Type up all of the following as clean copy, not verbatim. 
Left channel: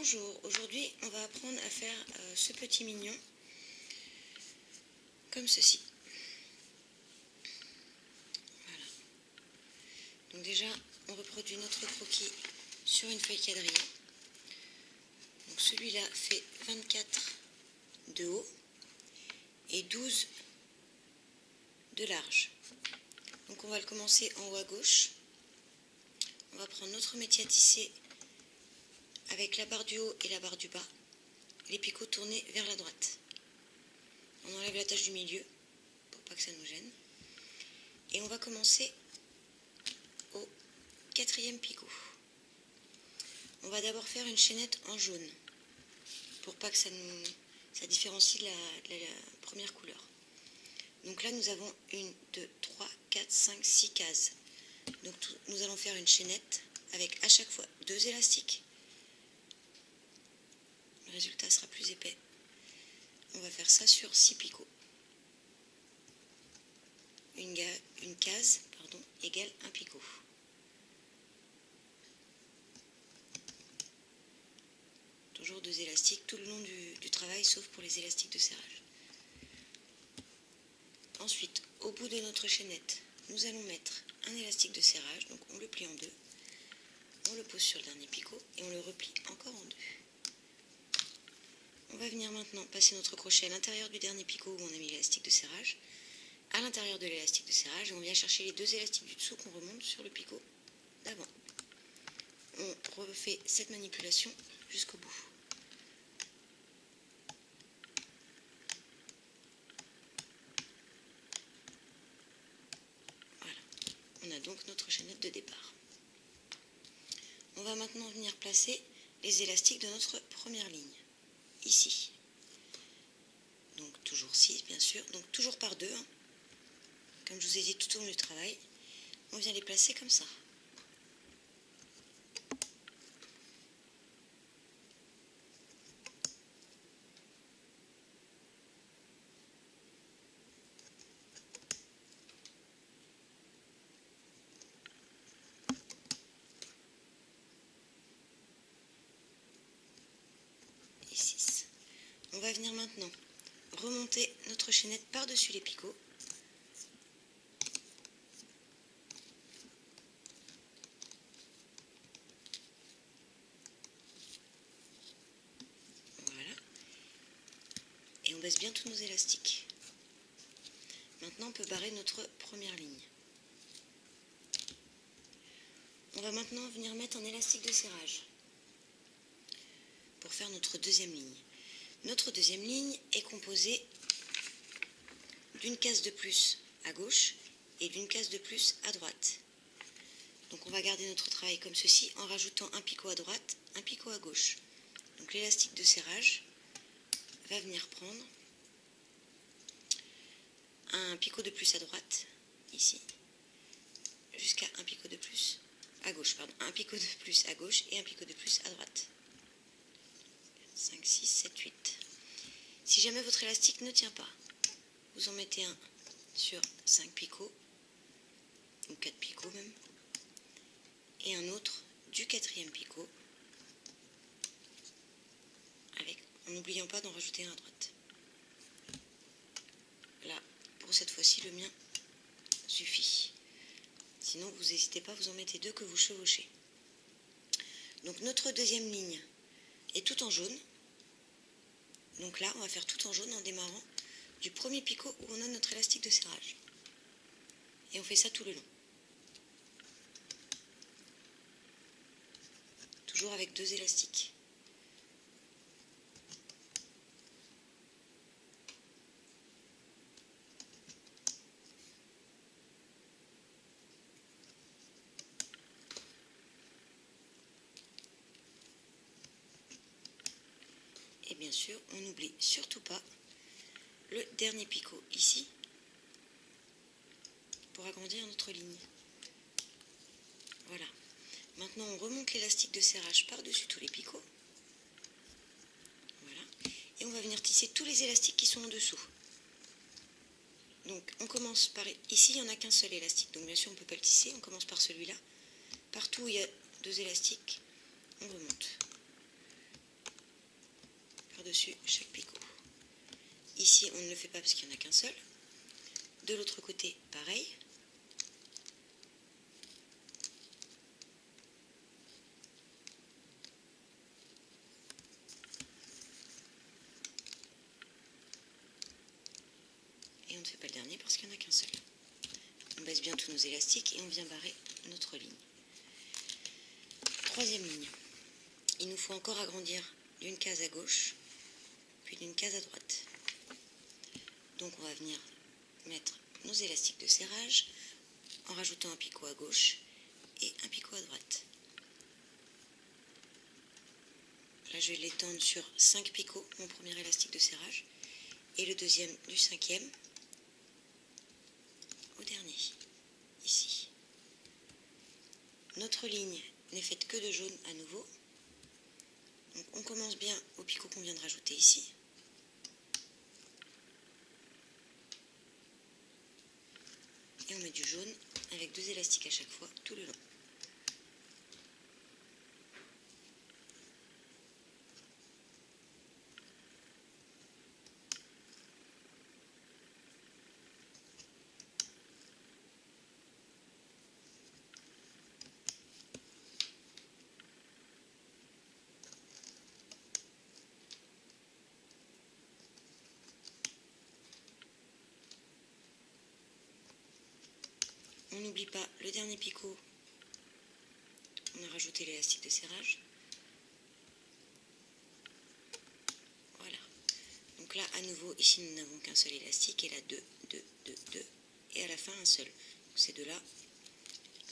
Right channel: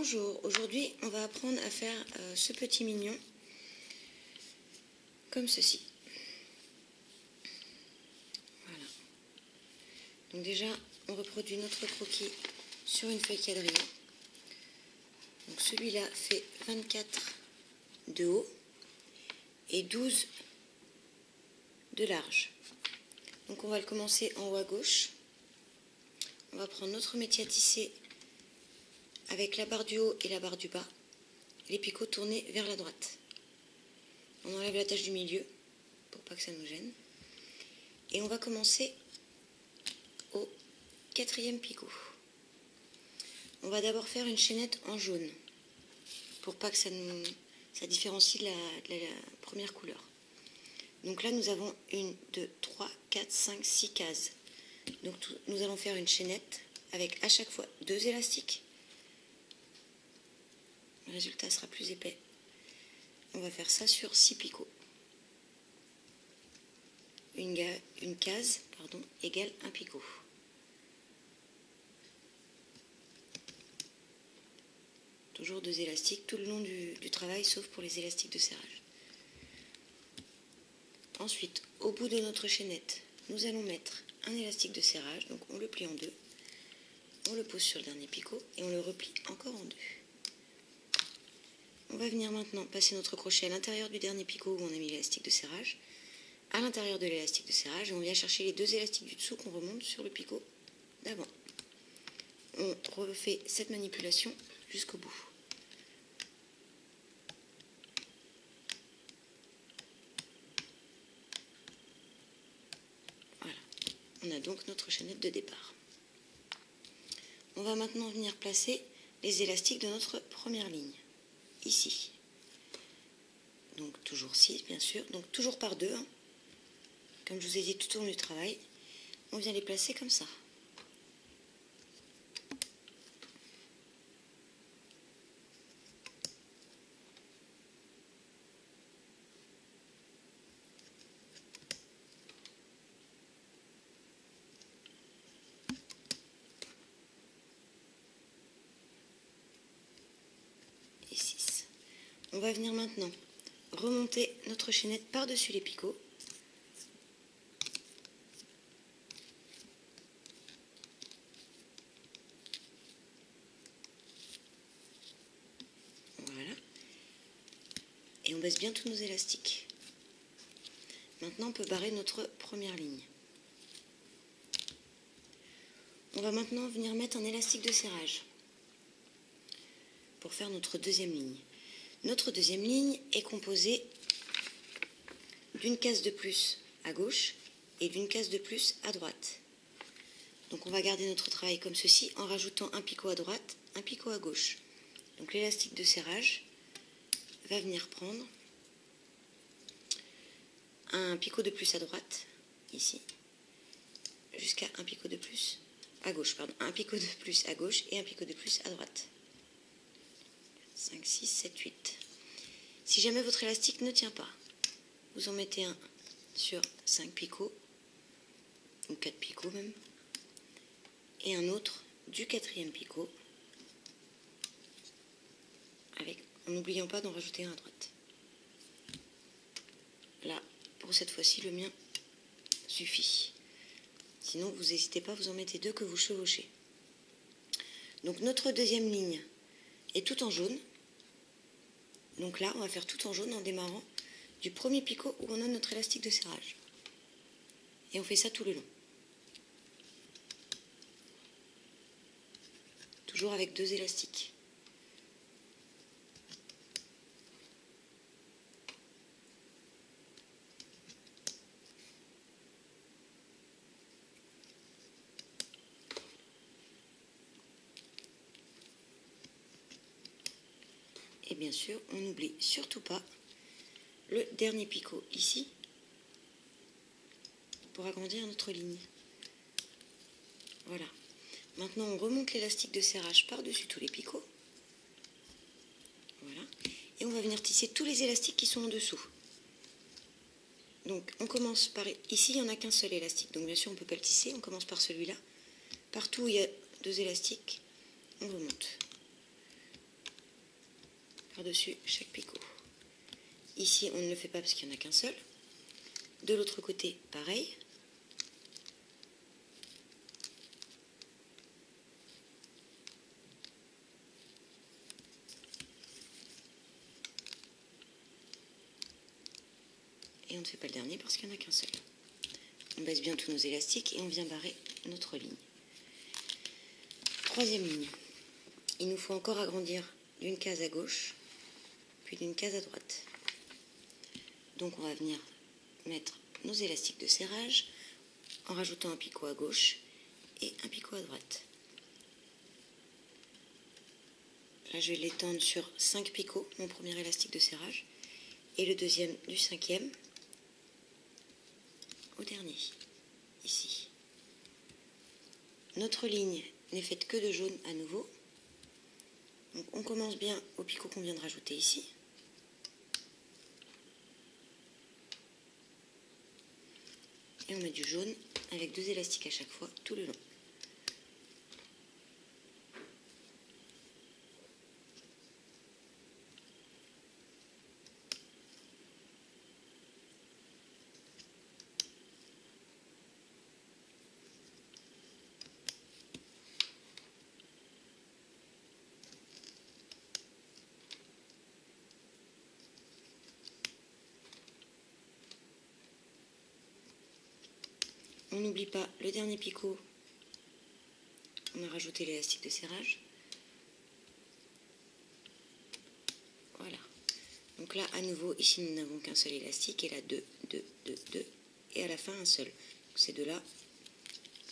Bonjour, aujourd'hui on va apprendre à faire ce petit mignon comme ceci. Voilà. Donc déjà on reproduit notre croquis sur une feuille quadrillée. Donc celui-là fait 24 de haut et 12 de large. Donc on va le commencer en haut à gauche. On va prendre notre métier à tisser avec la barre du haut et la barre du bas, les picots tournés vers la droite. On enlève la tache du milieu pour pas que ça nous gêne. Et on va commencer au 4e picot. On va d'abord faire une chaînette en jaune pour pas que ça différencie de la première couleur. Donc là nous avons 1, 2, 3, 4, 5, 6 cases. Donc nous allons faire une chaînette avec à chaque fois 2 élastiques. Le résultat sera plus épais. On va faire ça sur 6 picots. Une case égale un picot. Toujours 2 élastiques tout le long du travail, sauf pour les élastiques de serrage. Ensuite, au bout de notre chaînette, nous allons mettre un élastique de serrage. Donc on le plie en deux. On le pose sur le dernier picot et on le replie encore en deux. On va venir maintenant passer notre crochet à l'intérieur du dernier picot où on a mis l'élastique de serrage, à l'intérieur de l'élastique de serrage, et on vient chercher les 2 élastiques du dessous qu'on remonte sur le picot d'avant. On refait cette manipulation jusqu'au bout. Voilà, on a donc notre chaînette de départ. On va maintenant venir placer les élastiques de notre première ligne. Ici. Donc toujours 6 bien sûr, donc toujours par 2, hein. Comme je vous ai dit tout au long du travail, on vient les placer comme ça. Et 6. On va venir maintenant remonter notre chaînette par-dessus les picots. Voilà. Et on baisse bien tous nos élastiques. Maintenant, on peut barrer notre première ligne. On va maintenant venir mettre un élastique de serrage pour faire notre deuxième ligne. Notre deuxième ligne est composée d'une case de plus à gauche et d'une case de plus à droite. Donc on va garder notre travail comme ceci en rajoutant un picot à droite, un picot à gauche. Donc l'élastique de serrage va venir prendre un picot de plus à droite, ici, jusqu'à un picot de plus à gauche, un picot de plus à gauche et un picot de plus à droite. 5, 6, 7, 8. Si jamais votre élastique ne tient pas, vous en mettez un sur 5 picots, ou 4 picots même, et un autre du 4e picot, en n'oubliant pas d'en rajouter un à droite. Là, pour cette fois-ci, le mien suffit. Sinon, vous n'hésitez pas, vous en mettez 2 que vous chevauchez. Donc notre deuxième ligne est tout en jaune. Donc là, on va faire tout en jaune en démarrant du premier picot où on a notre élastique de serrage. Et on fait ça tout le long. Toujours avec 2 élastiques. Et bien sûr, on n'oublie surtout pas le dernier picot ici pour agrandir notre ligne. Voilà. Maintenant, on remonte l'élastique de serrage par-dessus tous les picots. Voilà. Et on va venir tisser tous les élastiques qui sont en dessous. Donc, on commence par... Ici, il n'y en a qu'un seul élastique. Donc, bien sûr, on ne peut pas le tisser. On commence par celui-là. Partout où il y a 2 élastiques, on remonte. par-dessus chaque picot. Ici, on ne le fait pas parce qu'il n'y en a qu'un seul. De l'autre côté, pareil. Et on ne fait pas le dernier parce qu'il n'y en a qu'un seul. On baisse bien tous nos élastiques et on vient barrer notre ligne. Troisième ligne. Il nous faut encore agrandir d'une case à gauche, puis d'une case à droite. Donc on va venir mettre nos élastiques de serrage en rajoutant un picot à gauche et un picot à droite. Là je vais l'étendre sur 5 picots, mon premier élastique de serrage, et le deuxième du cinquième au dernier, ici. Notre ligne n'est faite que de jaune à nouveau. Donc on commence bien au picot qu'on vient de rajouter ici. Et on met du jaune avec 2 élastiques à chaque fois tout le long. On n'oublie pas le dernier picot, on a rajouté l'élastique de serrage. Voilà. Donc là, à nouveau, ici nous n'avons qu'un seul élastique, et là 2, 2, 2, 2, et à la fin un seul. Donc ces deux-là,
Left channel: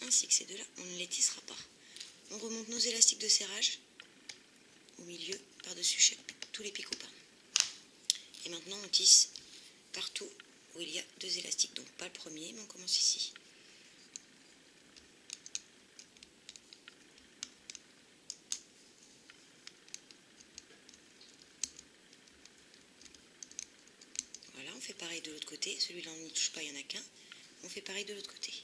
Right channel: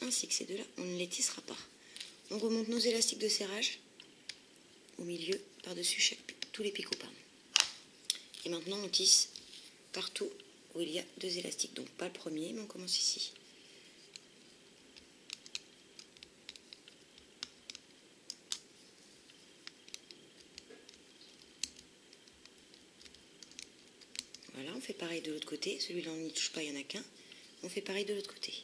ainsi que ces deux-là, on ne les tissera pas. On remonte nos élastiques de serrage au milieu, par-dessus tous les picots. Et maintenant on tisse partout où il y a 2 élastiques. Donc pas le premier, mais on commence ici. Voilà, on fait pareil de l'autre côté. Celui-là, on n'y touche pas, il n'y en a qu'un. On fait pareil de l'autre côté.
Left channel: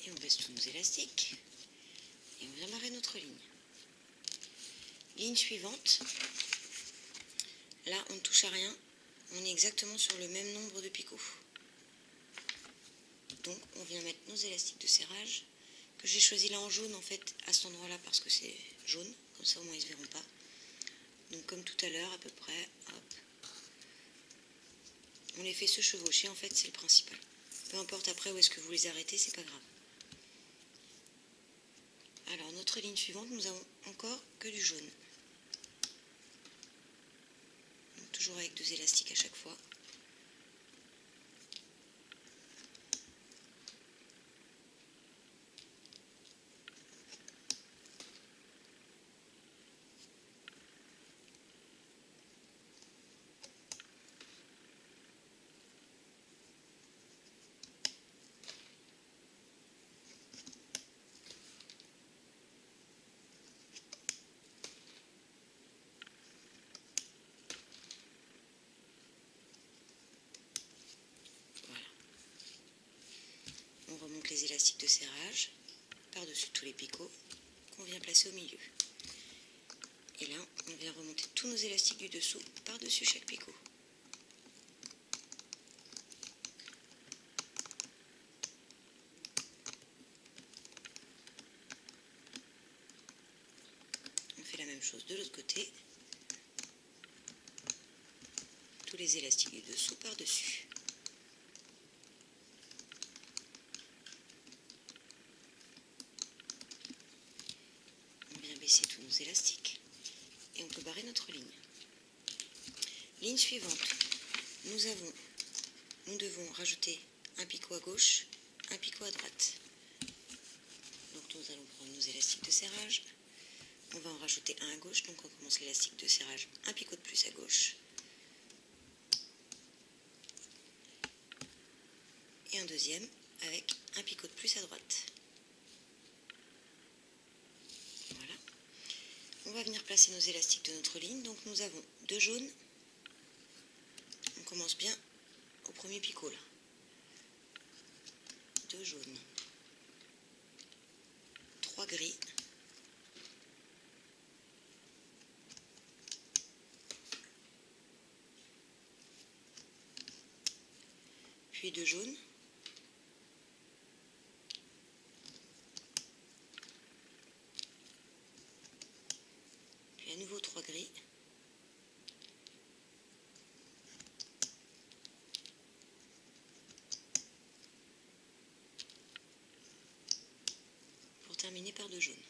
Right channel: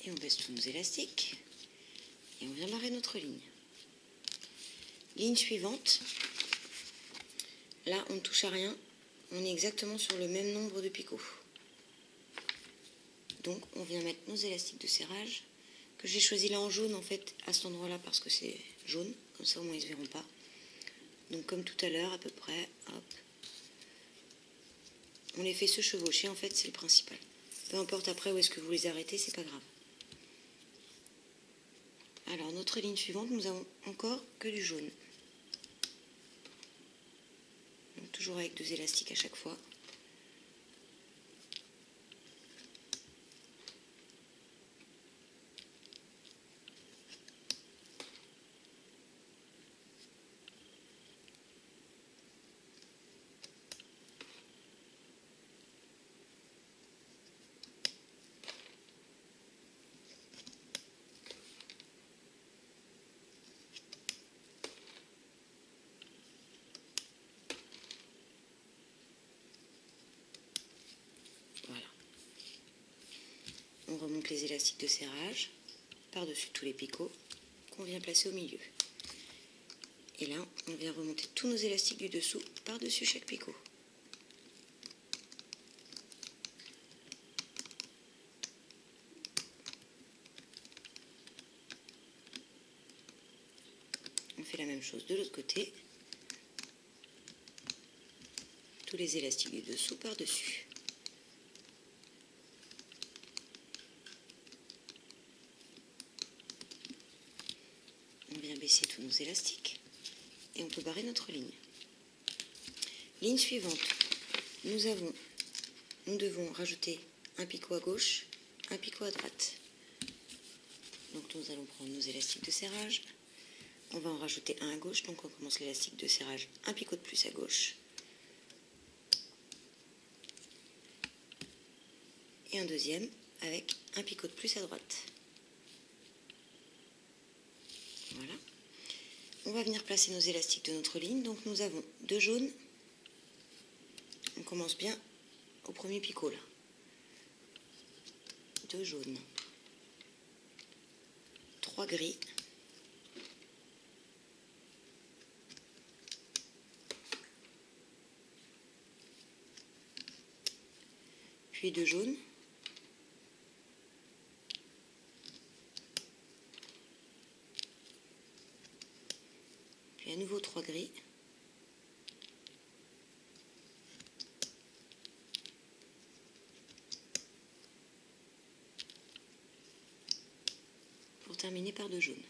Et on baisse tous nos élastiques. Et on vient barrer notre ligne. Ligne suivante. Là, on ne touche à rien. On est exactement sur le même nombre de picots. Donc, on vient mettre nos élastiques de serrage, que j'ai choisi là en jaune, en fait, à cet endroit-là, parce que c'est jaune. Comme ça, au moins, ils ne se verront pas. Donc, comme tout à l'heure, à peu près, hop. On les fait se chevaucher, en fait, c'est le principal. Peu importe après où est-ce que vous les arrêtez, c'est pas grave. Alors, notre ligne suivante, nous avons encore que du jaune. Donc, toujours avec 2 élastiques à chaque fois. On remonte les élastiques de serrage par-dessus tous les picots qu'on vient placer au milieu. Et là, on vient remonter tous nos élastiques du dessous par-dessus chaque picot. On fait la même chose de l'autre côté. Tous les élastiques du dessous par-dessus. On vient baisser tous nos élastiques et on peut barrer notre ligne. Ligne suivante, nous devons rajouter un picot à gauche, un picot à droite. Donc nous allons prendre nos élastiques de serrage, on va en rajouter un à gauche, donc on commence l'élastique de serrage, un picot de plus à gauche, et un deuxième avec un picot de plus à droite. Voilà. On va venir placer nos élastiques de notre ligne. Donc nous avons 2 jaunes. On commence bien au premier picot là. 2 jaunes, 3 gris, puis 2 jaunes, puis à nouveau 3 gris, pour terminer par 2 jaunes.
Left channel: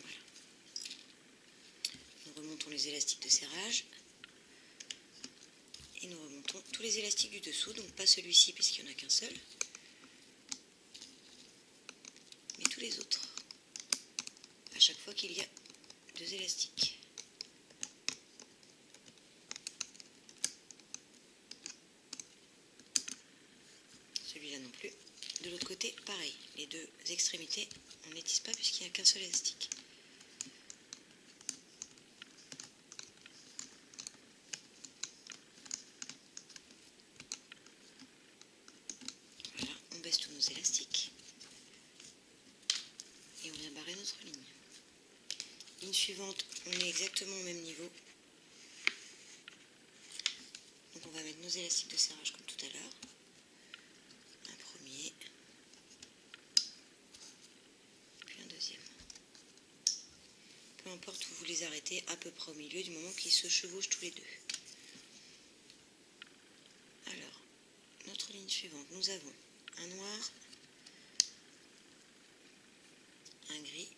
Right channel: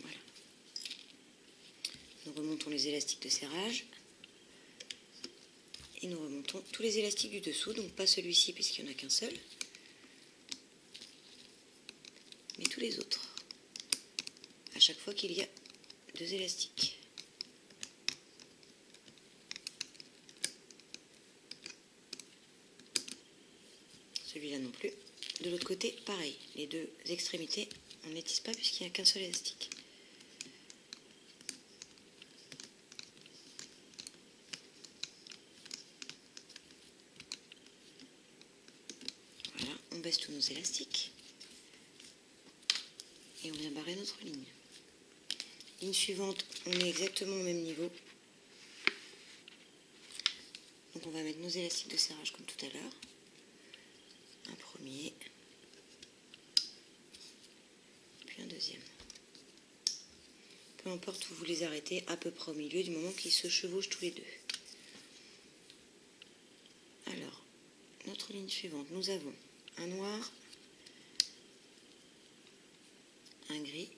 Voilà. Nous remontons les élastiques de serrage et nous remontons tous les élastiques du dessous, donc pas celui-ci puisqu'il n'y en a qu'un seul, mais tous les autres, à chaque fois qu'il y a 2 élastiques. Celui-là non plus. De l'autre côté, pareil, les 2 extrémités, on ne les tisse pas puisqu'il n'y a qu'un seul élastique. Voilà, on baisse tous nos élastiques et on vient barrer notre ligne. Ligne suivante, on est exactement au même niveau. Donc on va mettre nos élastiques de serrage comme tout à l'heure. Un premier, puis un deuxième. Peu importe où vous les arrêtez, à peu près au milieu, du moment qu'ils se chevauchent tous les deux. Alors, notre ligne suivante, nous avons un noir, un gris,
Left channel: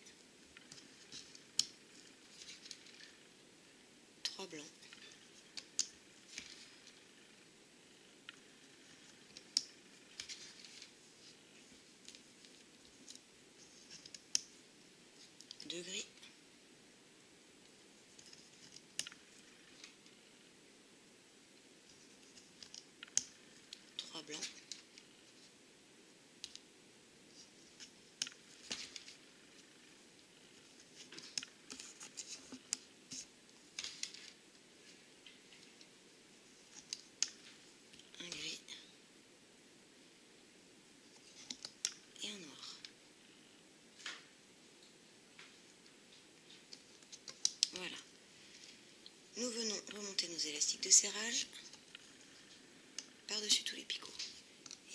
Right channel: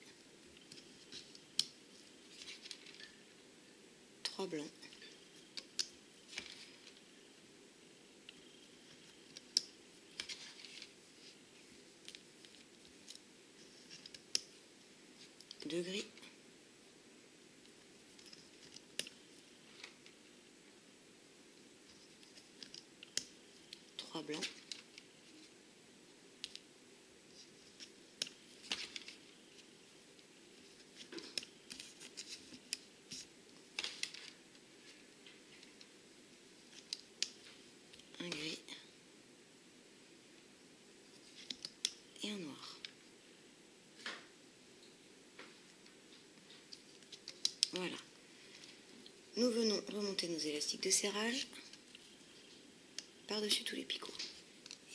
3 blancs, deux gris, 3 blancs, un gris et un noir. Voilà. Nous venons remonter nos élastiques de serrage par-dessus tous les picots.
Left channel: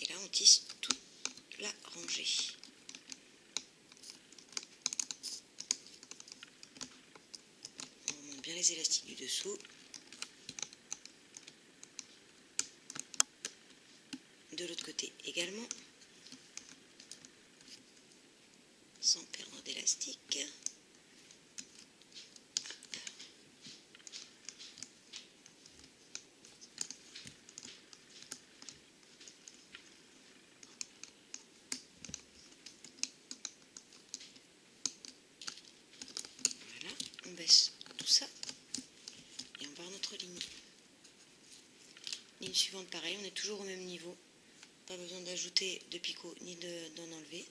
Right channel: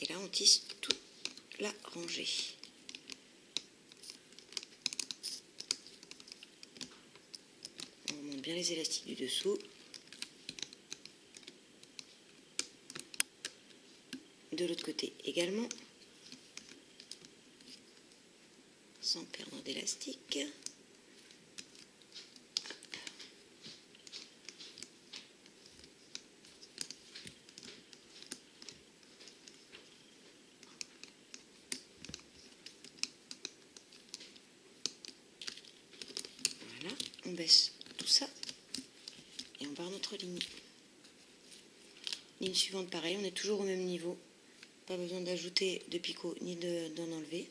Et là, on tisse toute la rangée. On remonte bien les élastiques du dessous. De l'autre côté également, sans perdre d'élastique. Voilà, on baisse tout ça et on barre notre ligne. Ligne suivante, pareil, on est toujours au même niveau. Pas besoin d'ajouter de picot ni d'en enlever.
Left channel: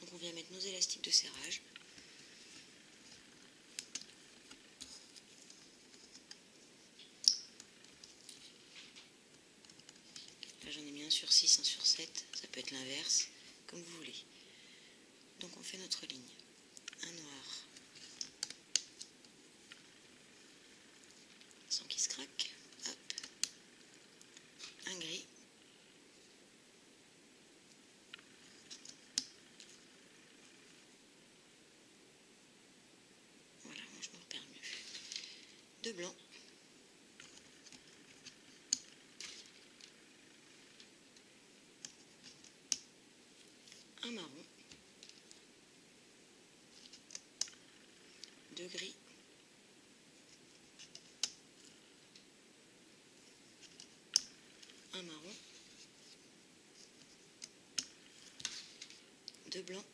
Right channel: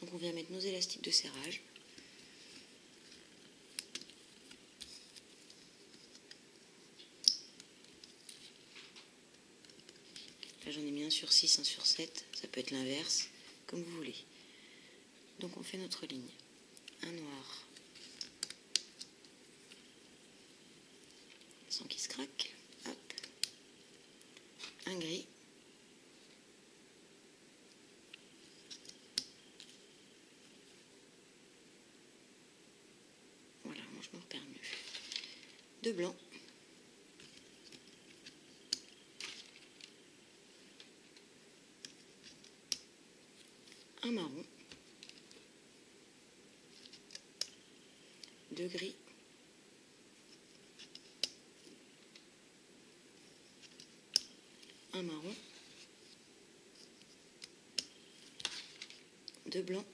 Donc on vient mettre nos élastiques de serrage. Là j'en ai mis un sur 6, un sur 7. Ça peut être l'inverse, comme vous voulez. Donc on fait notre ligne. Un noir. Sans qu'il se craque. Hop. Un gris. Voilà, moi je me repère mieux. 2 blancs. Un marron. 2 gris. Un marron. 2 blancs.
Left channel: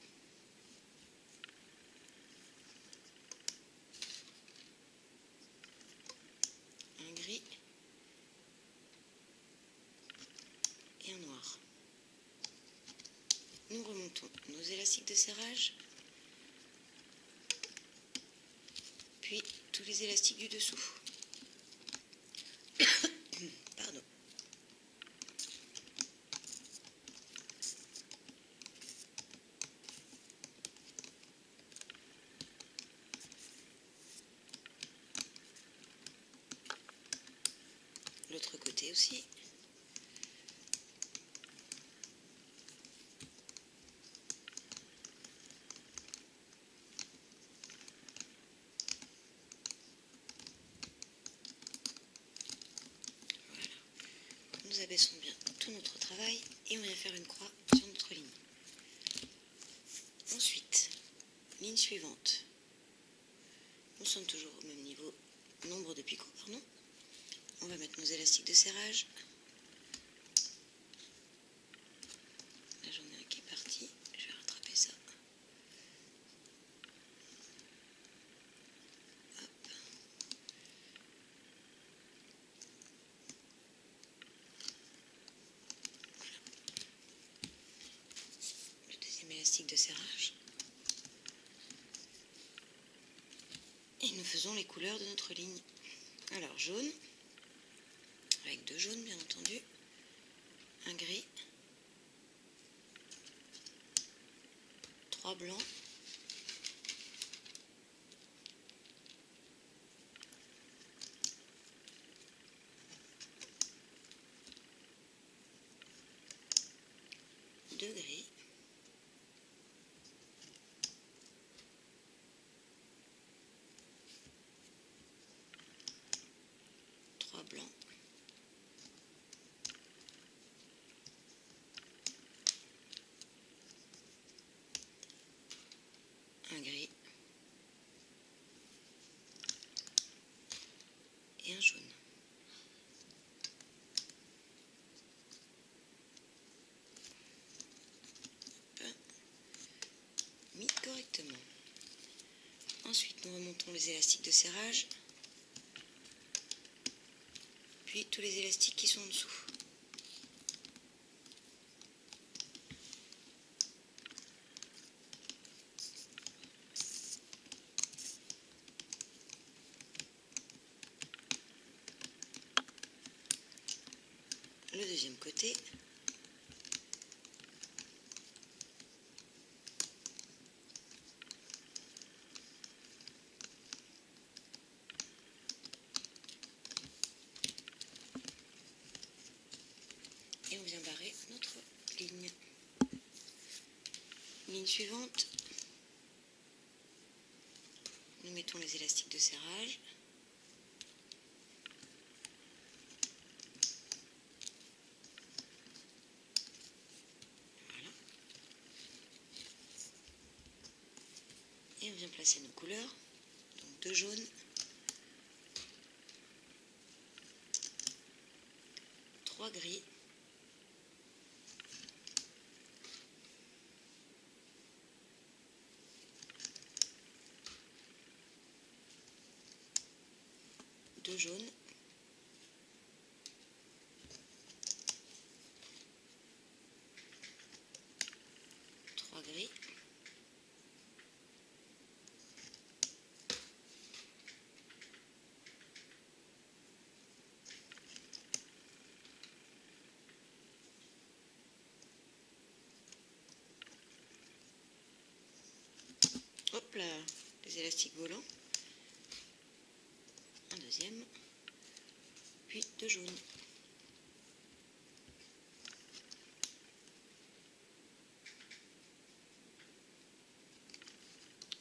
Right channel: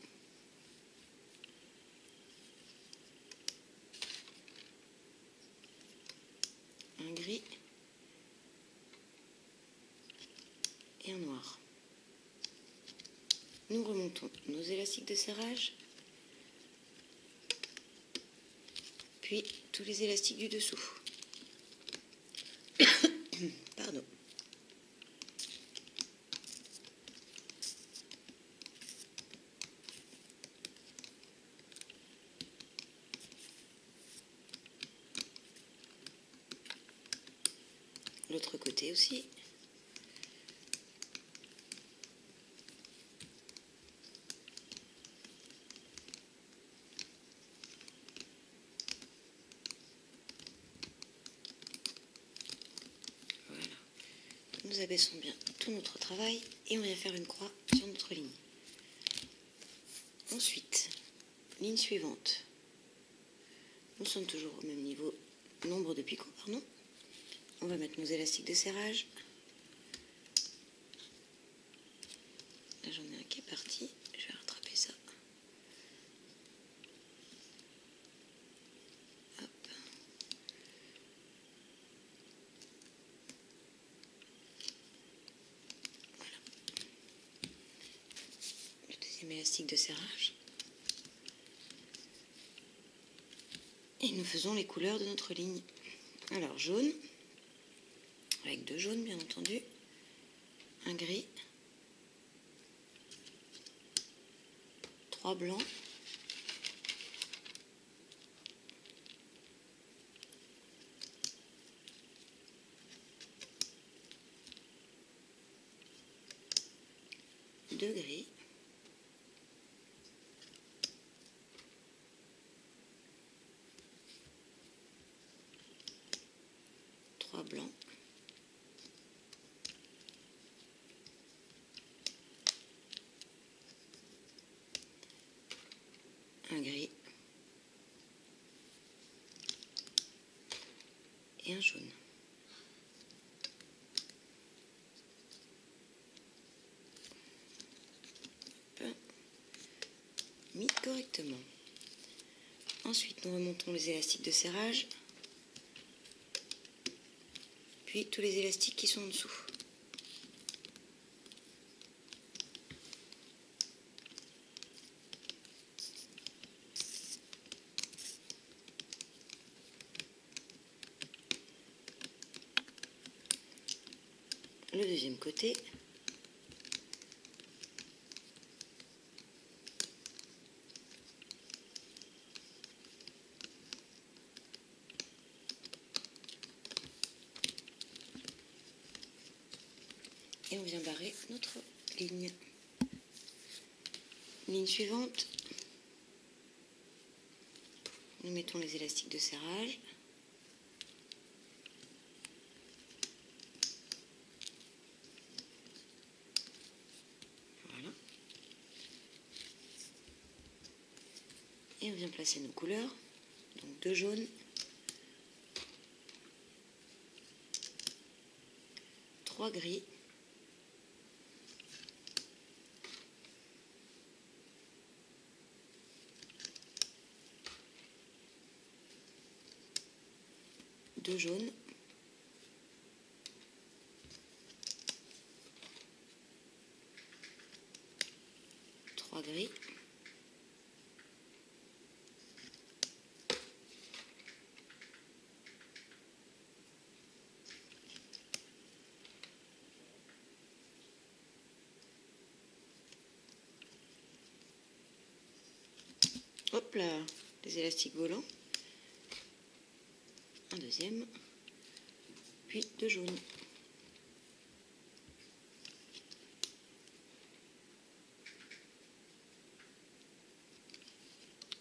Un gris et un noir. Nous remontons nos élastiques de serrage puis tous les élastiques du dessous. Pardon. L'autre côté aussi. Voilà. Nous abaissons bien tout notre travail et on vient faire une croix sur notre ligne. Ensuite, ligne suivante. Nous sommes toujours au même niveau, nombre de picots, pardon. On va mettre nos élastiques de serrage. Là, j'en ai un qui est parti. Je vais rattraper ça. Hop. Voilà. Le deuxième élastique de serrage. Et nous faisons les couleurs de notre ligne. Alors, jaune, avec 2 jaunes bien entendu, un gris, 3 blancs, deux gris, trois blancs, un gris et un jaune. Mis correctement. Ensuite, nous remontons les élastiques de serrage, puis tous les élastiques qui sont en dessous. Le deuxième côté. Et on vient barrer notre ligne. Ligne suivante. Nous mettons les élastiques de serrage. Voilà. Et on vient placer nos couleurs. Donc 2 jaunes, 3 gris, 2 jaunes, 3 gris, hop là, les élastiques volants, un deuxième, puis 2 jaunes.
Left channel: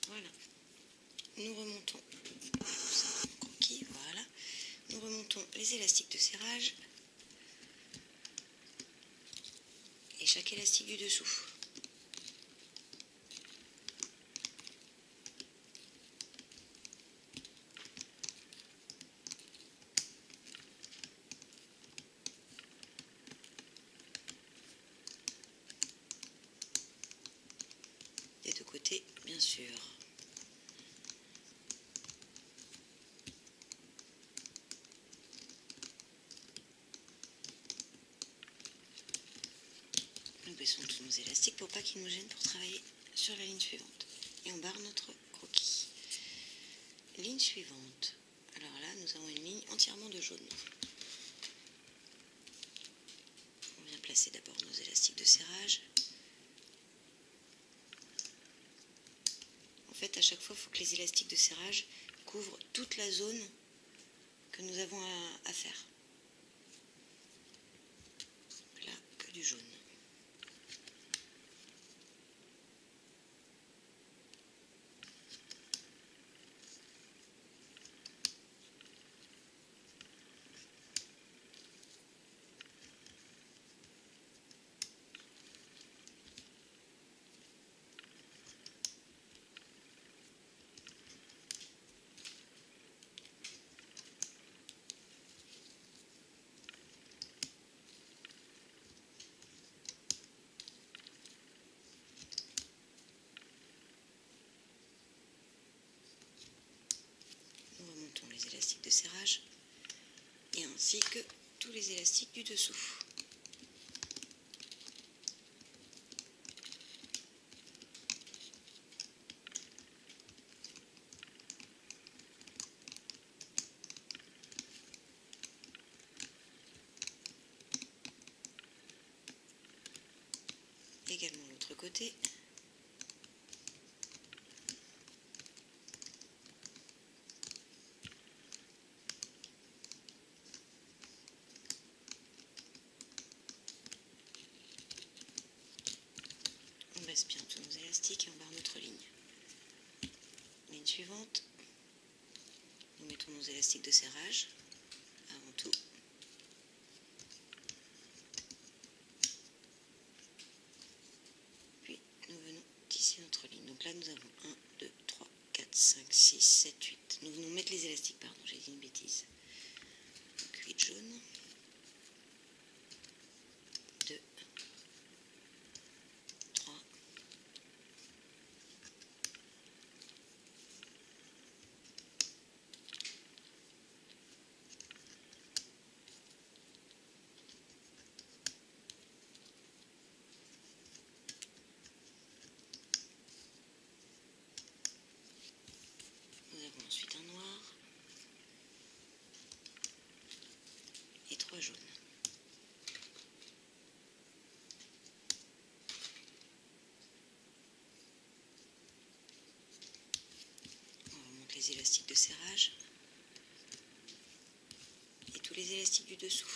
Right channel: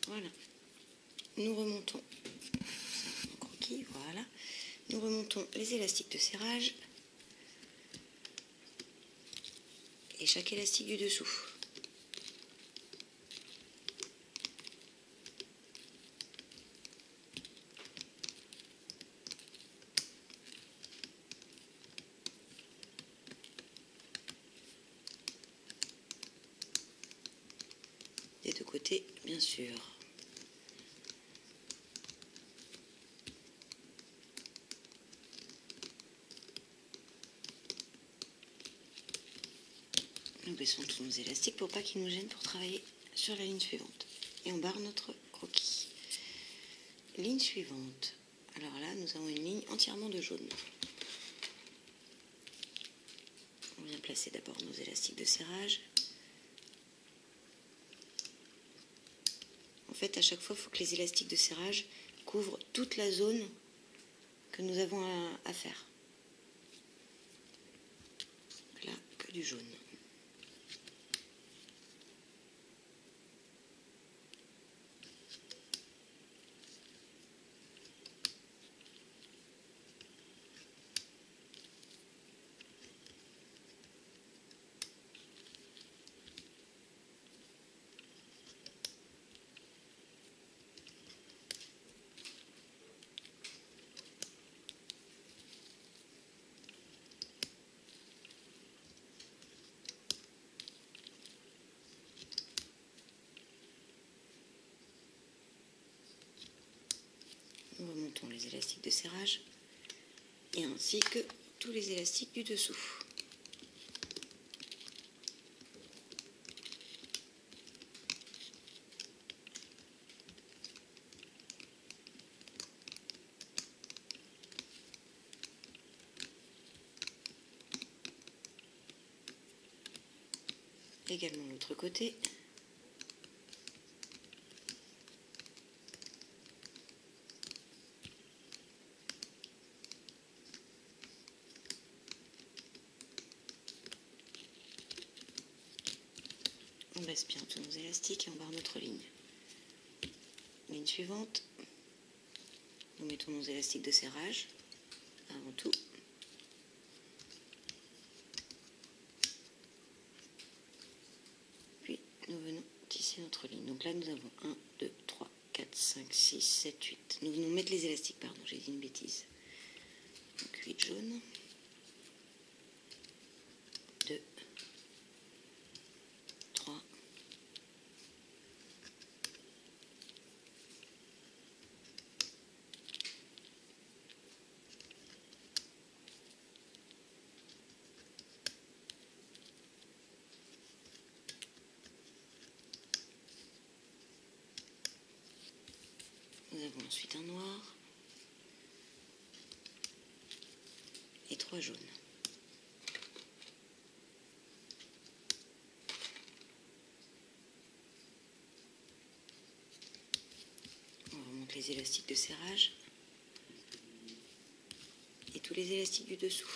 Voilà. Nous remontons, ça, mon croquis, voilà. Nous remontons les élastiques de serrage et chaque élastique du dessous. Des deux côtés, bien sûr. Nous baissons tous nos élastiques pour pas qu'ils nous gênent pour travailler sur la ligne suivante. Et on barre notre croquis. ligne suivante. Alors là, nous avons une ligne entièrement de jaune. On vient placer d'abord nos élastiques de serrage. En fait, à chaque fois, il faut que les élastiques de serrage couvrent toute la zone que nous avons à faire. Donc là, que du jaune. Nous remontons les élastiques de serrage et ainsi que tous les élastiques du dessous. Également l'autre côté. On baisse bien tous nos élastiques et on barre notre ligne. Ligne suivante, nous mettons nos élastiques de serrage avant tout. Puis nous venons tisser notre ligne. Donc là nous avons 1, 2, 3, 4, 5, 6, 7, 8. Nous venons mettre les élastiques, pardon, j'ai dit une bêtise. Donc 8 jaunes. 2, 3, nous avons ensuite un noir et 3 jaunes. On remonte les élastiques de serrage et tous les élastiques du dessous.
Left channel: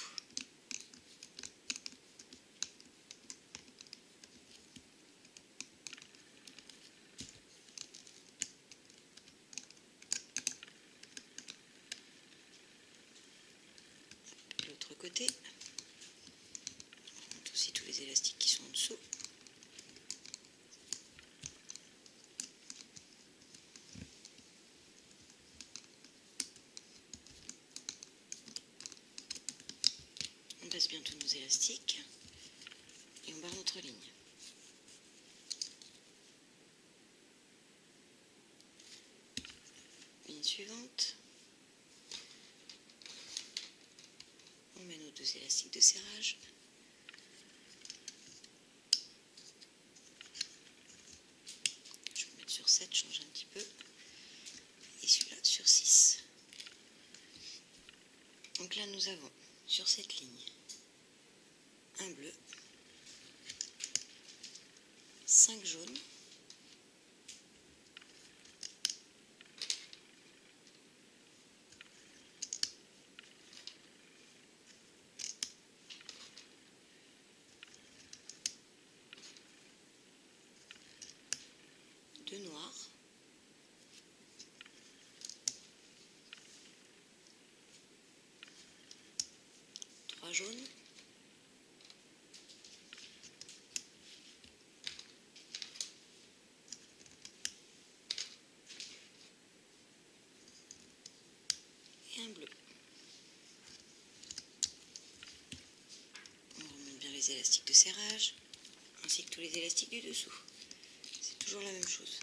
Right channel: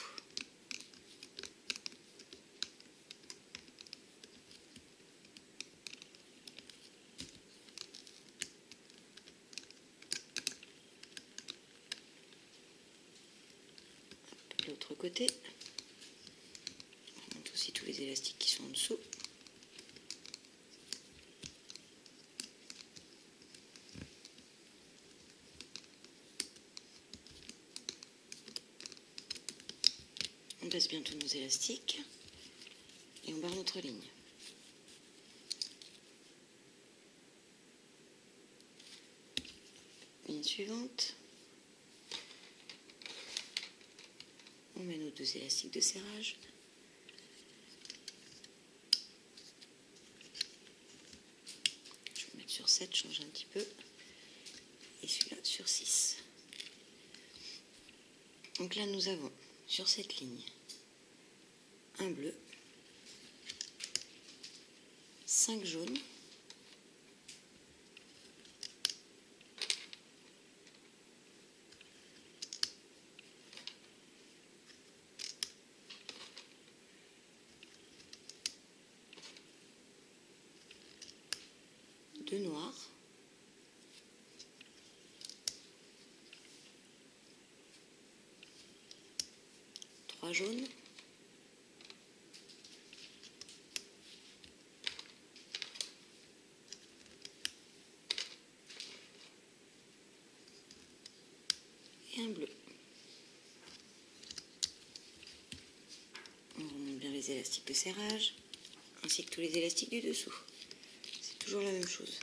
L'autre côté, on remonte aussi tous les élastiques qui sont en dessous. On baisse bien tous nos élastiques et on barre notre ligne. Ligne suivante. On met nos 2 élastiques de serrage. Je vais mettre sur 7, changer un petit peu. Et celui-là sur 6. Donc là nous avons sur cette ligne un bleu, 5 jaunes, deux noirs, trois jaunes, et un bleu. On remonte bien les élastiques de serrage, ainsi que tous les élastiques du dessous. C'est toujours la même chose.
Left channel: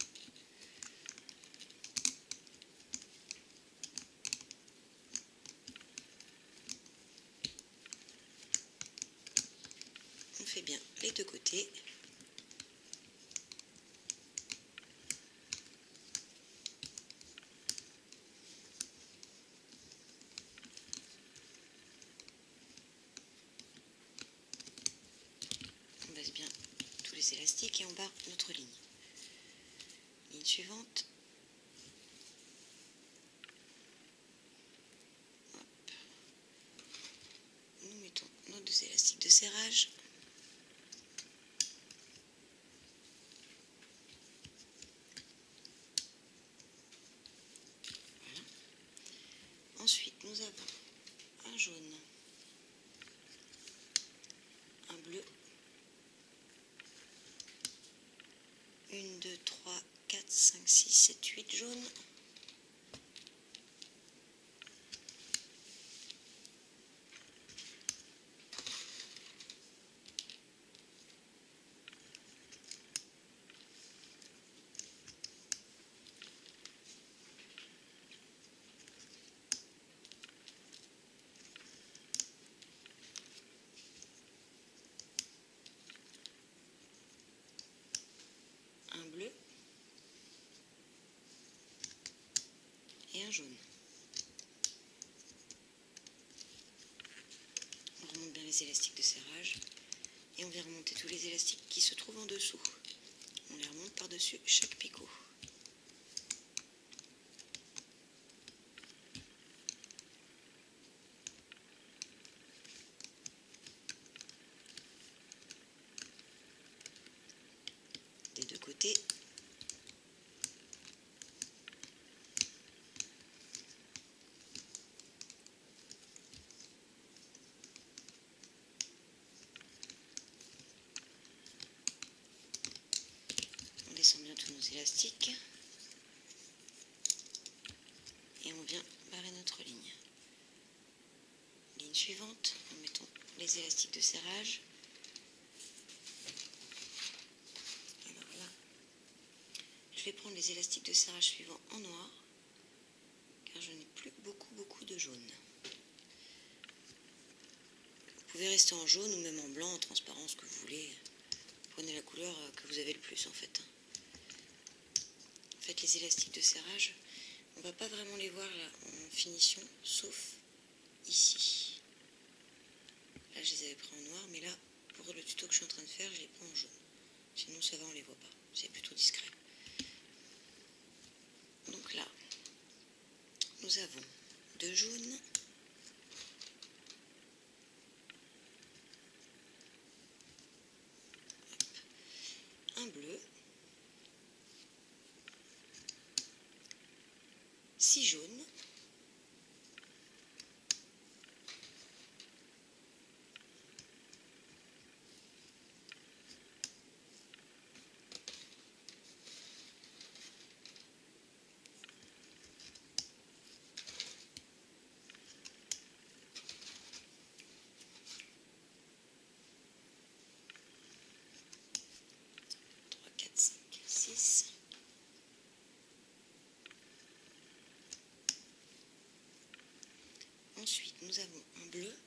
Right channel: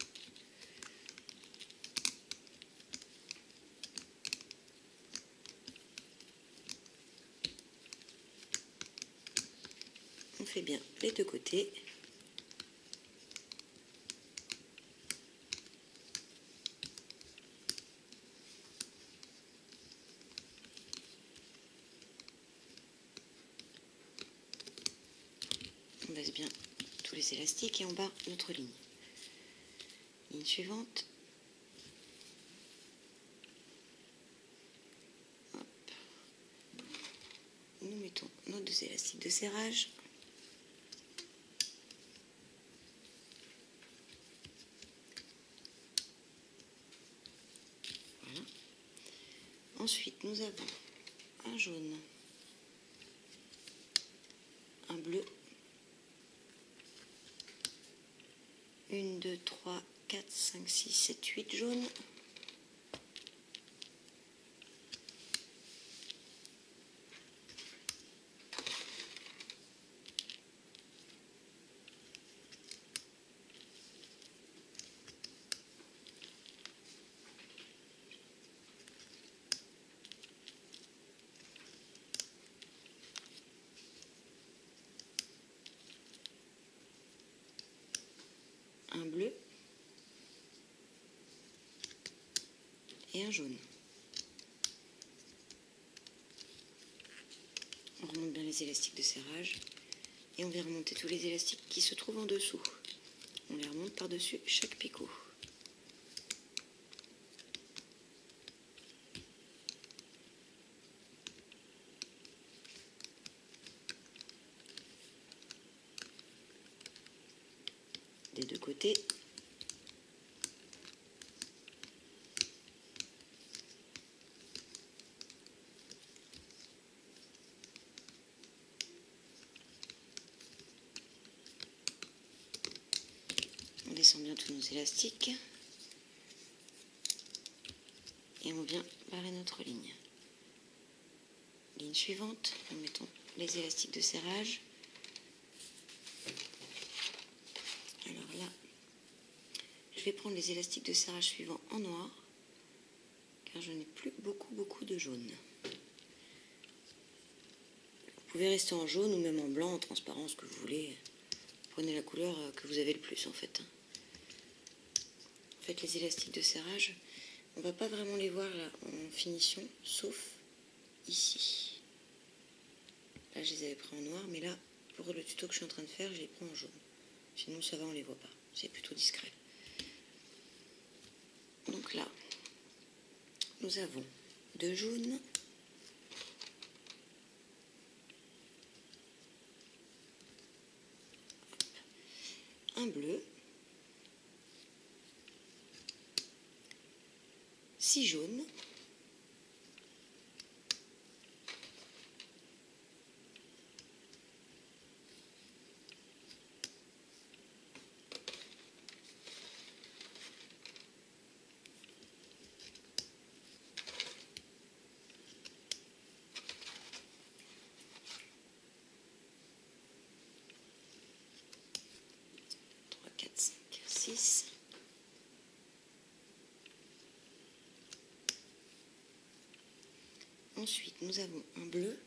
On fait bien les deux côtés. dresse bien tous les élastiques et on barre notre ligne. Ligne suivante. Hop. Nous mettons nos 2 élastiques de serrage. Voilà. Ensuite, nous avons un jaune, un bleu, 1, 2, 3, 4, 5, 6, 7, 8 jaunes, un bleu et un jaune. On remonte bien les élastiques de serrage et on vient remonter tous les élastiques qui se trouvent en dessous. On les remonte par-dessus chaque picot. Des 2 côtés. On descend bien tous nos élastiques et on vient barrer notre ligne. Ligne suivante, nous mettons les élastiques de serrage. Alors là, je vais prendre les élastiques de serrage suivants en noir, car je n'ai plus beaucoup de jaune. Vous pouvez rester en jaune ou même en blanc, en transparent, ce que vous voulez. Prenez la couleur que vous avez le plus en fait. En fait, les élastiques de serrage, on ne va pas vraiment les voir là en finition, sauf ici. Là, je les avais pris en noir, mais là, pour le tuto que je suis en train de faire, je les prends en jaune. Sinon, ça va, on ne les voit pas. C'est plutôt discret. Donc là, nous avons 2 jaunes, un bleu, 6 jaunes, Ensuite, nous avons un bleu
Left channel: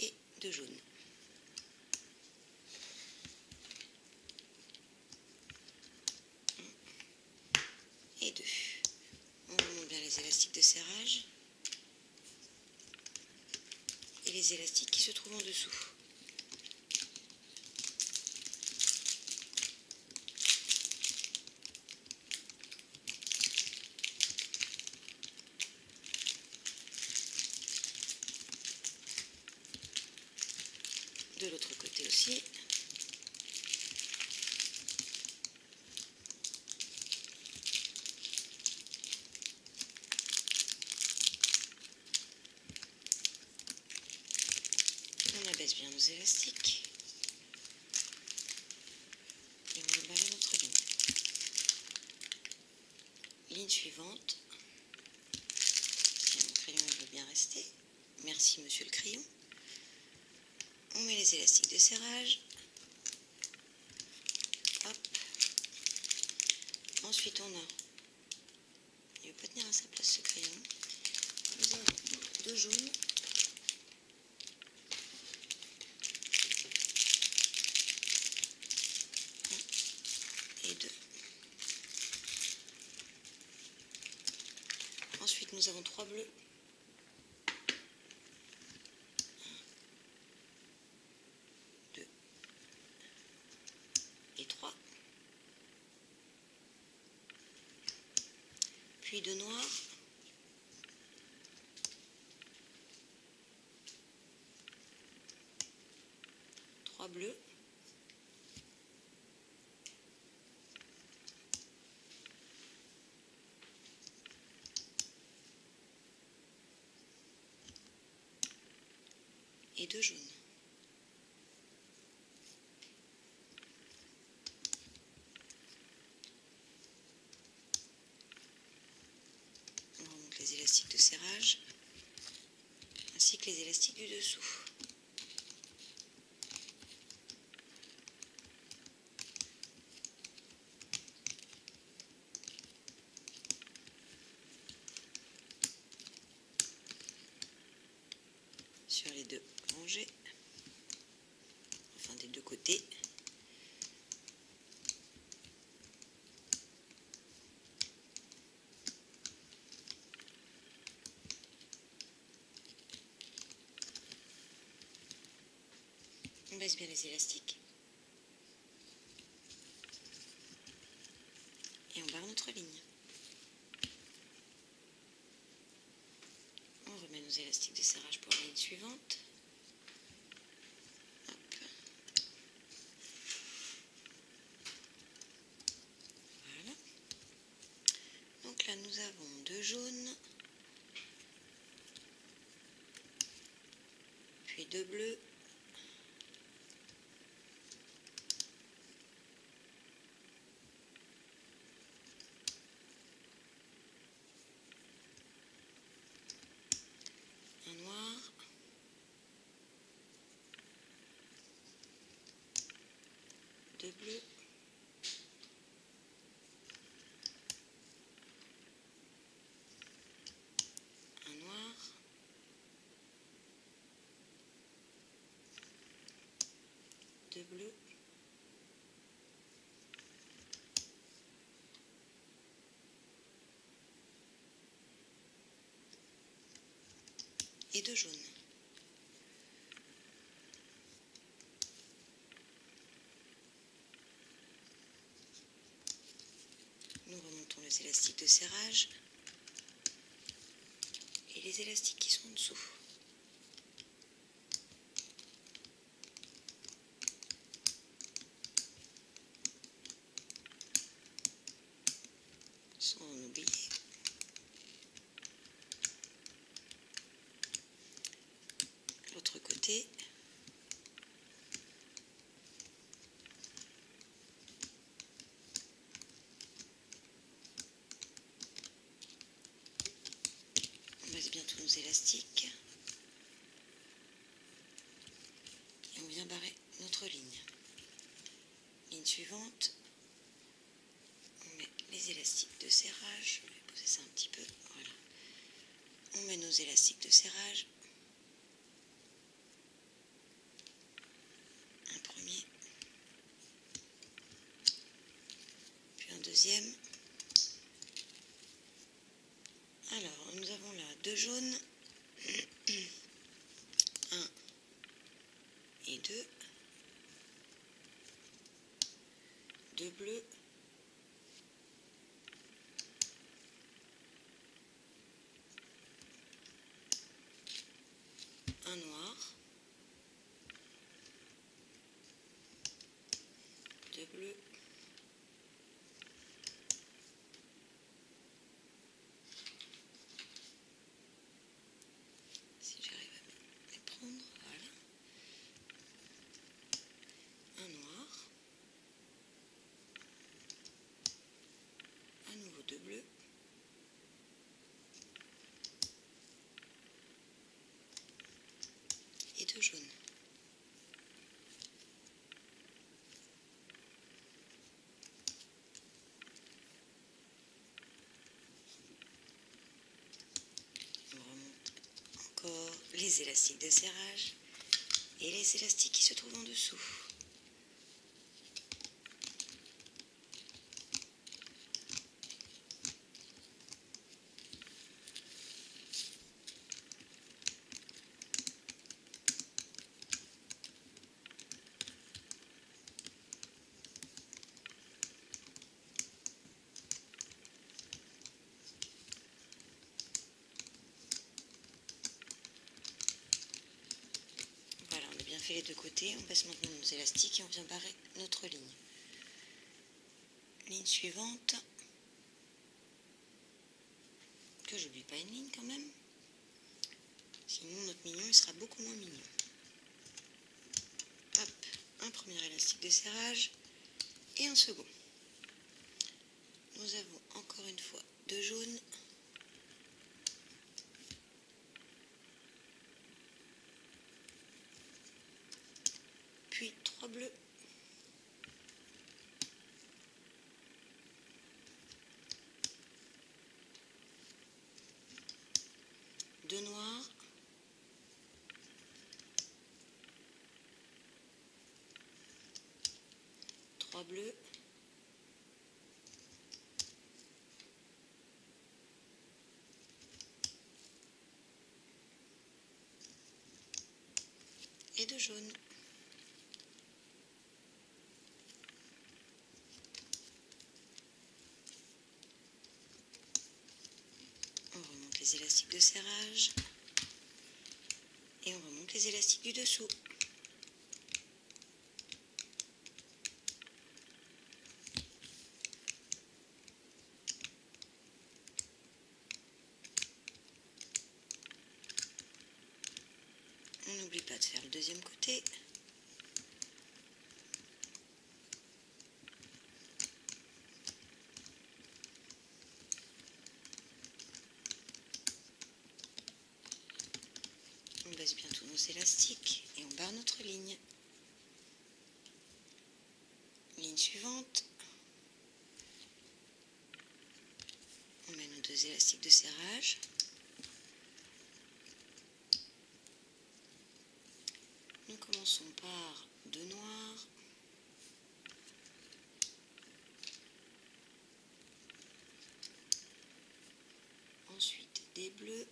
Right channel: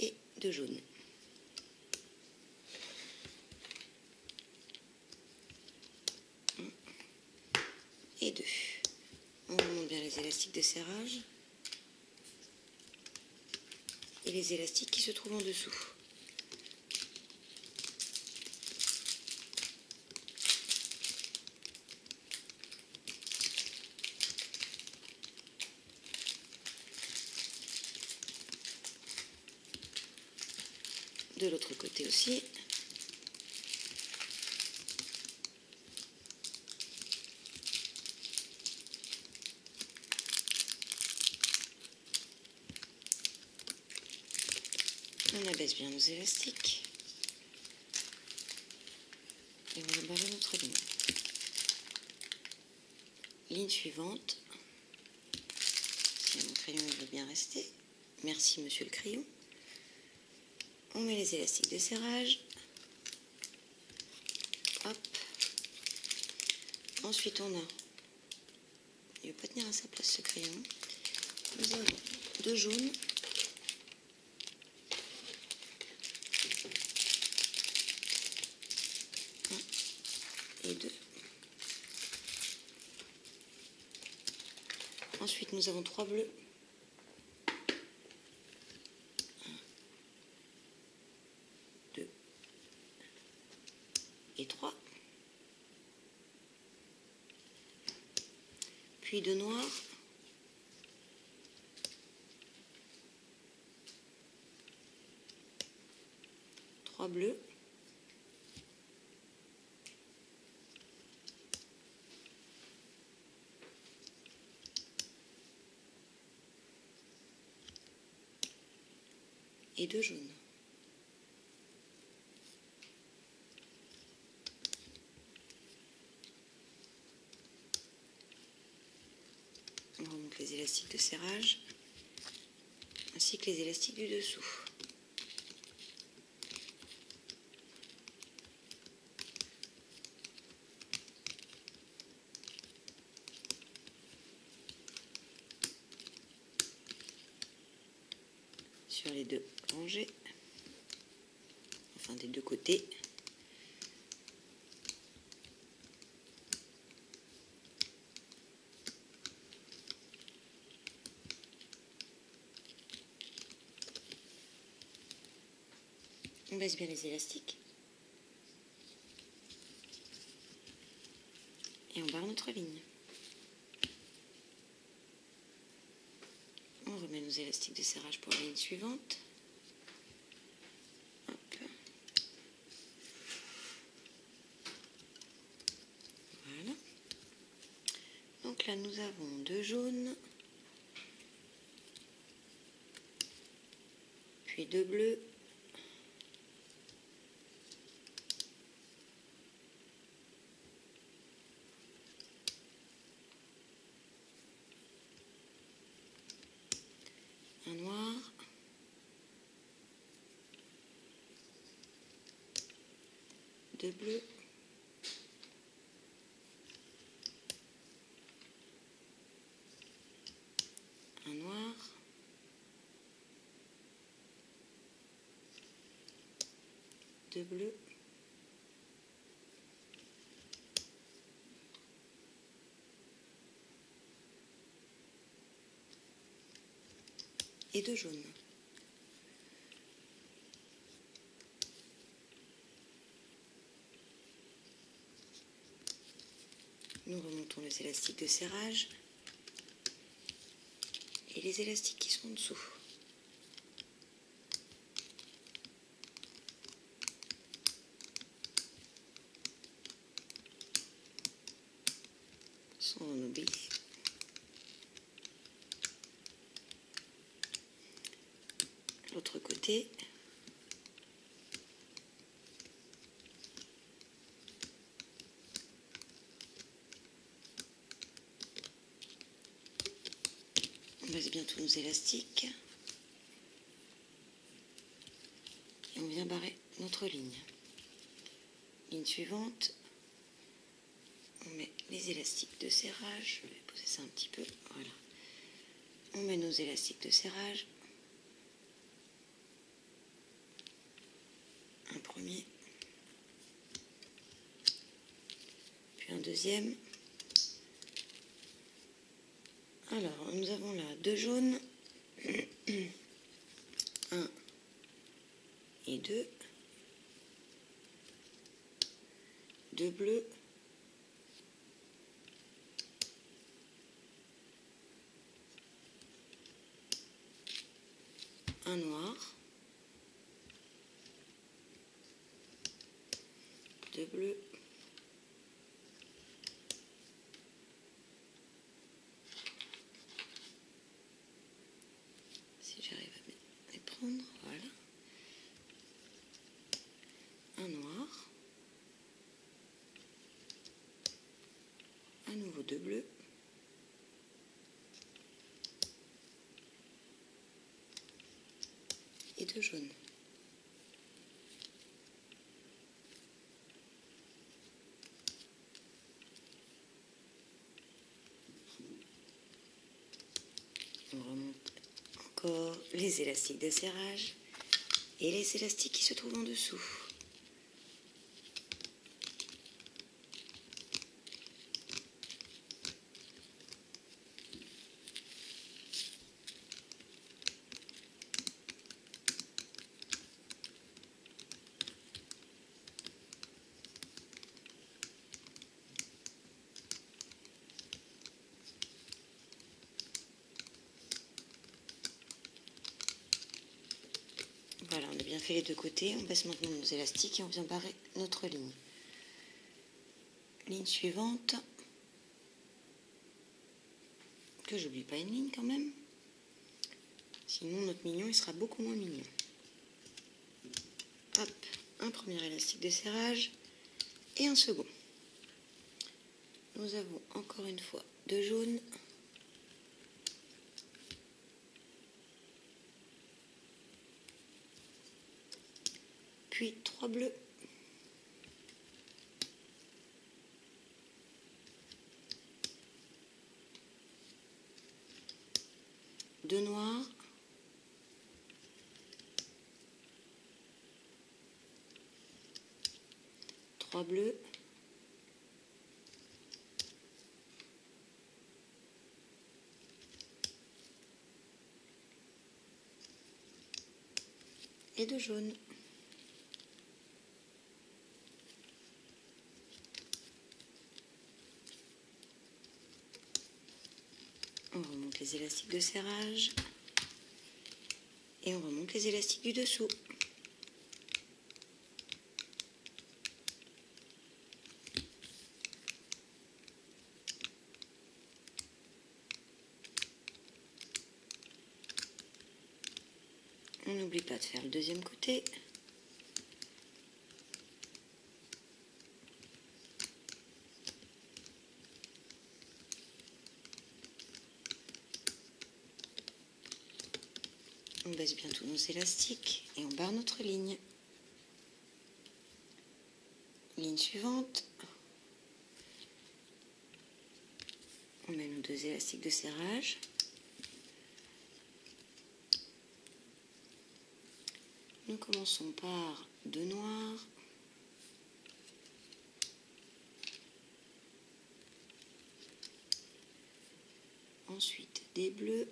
et 2 jaunes. Un et 2. On remonte bien les élastiques de serrage et les élastiques qui se trouvent en dessous. De l'autre côté aussi. On abaisse bien nos élastiques et on va barrer notre ligne. Ligne suivante. Si mon crayon veut bien rester. Merci monsieur le crayon. On met les élastiques de serrage. Hop. Ensuite on a, il ne va pas tenir à sa place ce crayon. Nous avons 2 jaunes. Et 2. Ensuite, nous avons 3 bleus. 1, puis 2 noirs, trois bleus, et 2 jaunes. On remonte les élastiques de serrage ainsi que les élastiques du dessous. Sur les deux rangées, enfin des deux côtés. On baisse bien les élastiques et on barre notre ligne. On remet nos élastiques de serrage pour la ligne suivante. Hop. Voilà. Donc là nous avons 2 jaunes, puis 2 bleus, un noir, deux bleus, un noir, deux bleus, et 2 jaunes. Nous remontons les élastiques de serrage et les élastiques qui sont en dessous. On oublie. L'autre côté. On baisse bien tous nos élastiques. Et on vient barrer notre ligne. Ligne suivante. On met les élastiques de serrage. Je vais poser ça un petit peu. Voilà. On met nos élastiques de serrage. Un premier. Puis un deuxième. Alors, nous avons là 2 jaunes. 1 et 2. 2 bleus. Un noir, 2 bleus, si j'arrive à bien les prendre, voilà, un noir, à nouveau 2 bleus, et 2 jaunes. On remonte encore les élastiques de serrage et les élastiques qui se trouvent en dessous. fait les deux côtés, on baisse maintenant nos élastiques et on vient barrer notre ligne. Ligne suivante, que j'oublie pas une ligne quand même, sinon notre mignon il sera beaucoup moins mignon. Hop, un premier élastique de serrage et un second. Nous avons encore une fois 2 jaunes, puis 3 bleus, 2 noirs, 3 bleus, 2 jaunes. On remonte les élastiques de serrage et on remonte les élastiques du dessous. On n'oublie pas de faire le deuxième côté. On baisse bien tous nos élastiques et on barre notre ligne. Ligne suivante. On met nos 2 élastiques de serrage. Nous commençons par 2 noirs. Ensuite des bleus.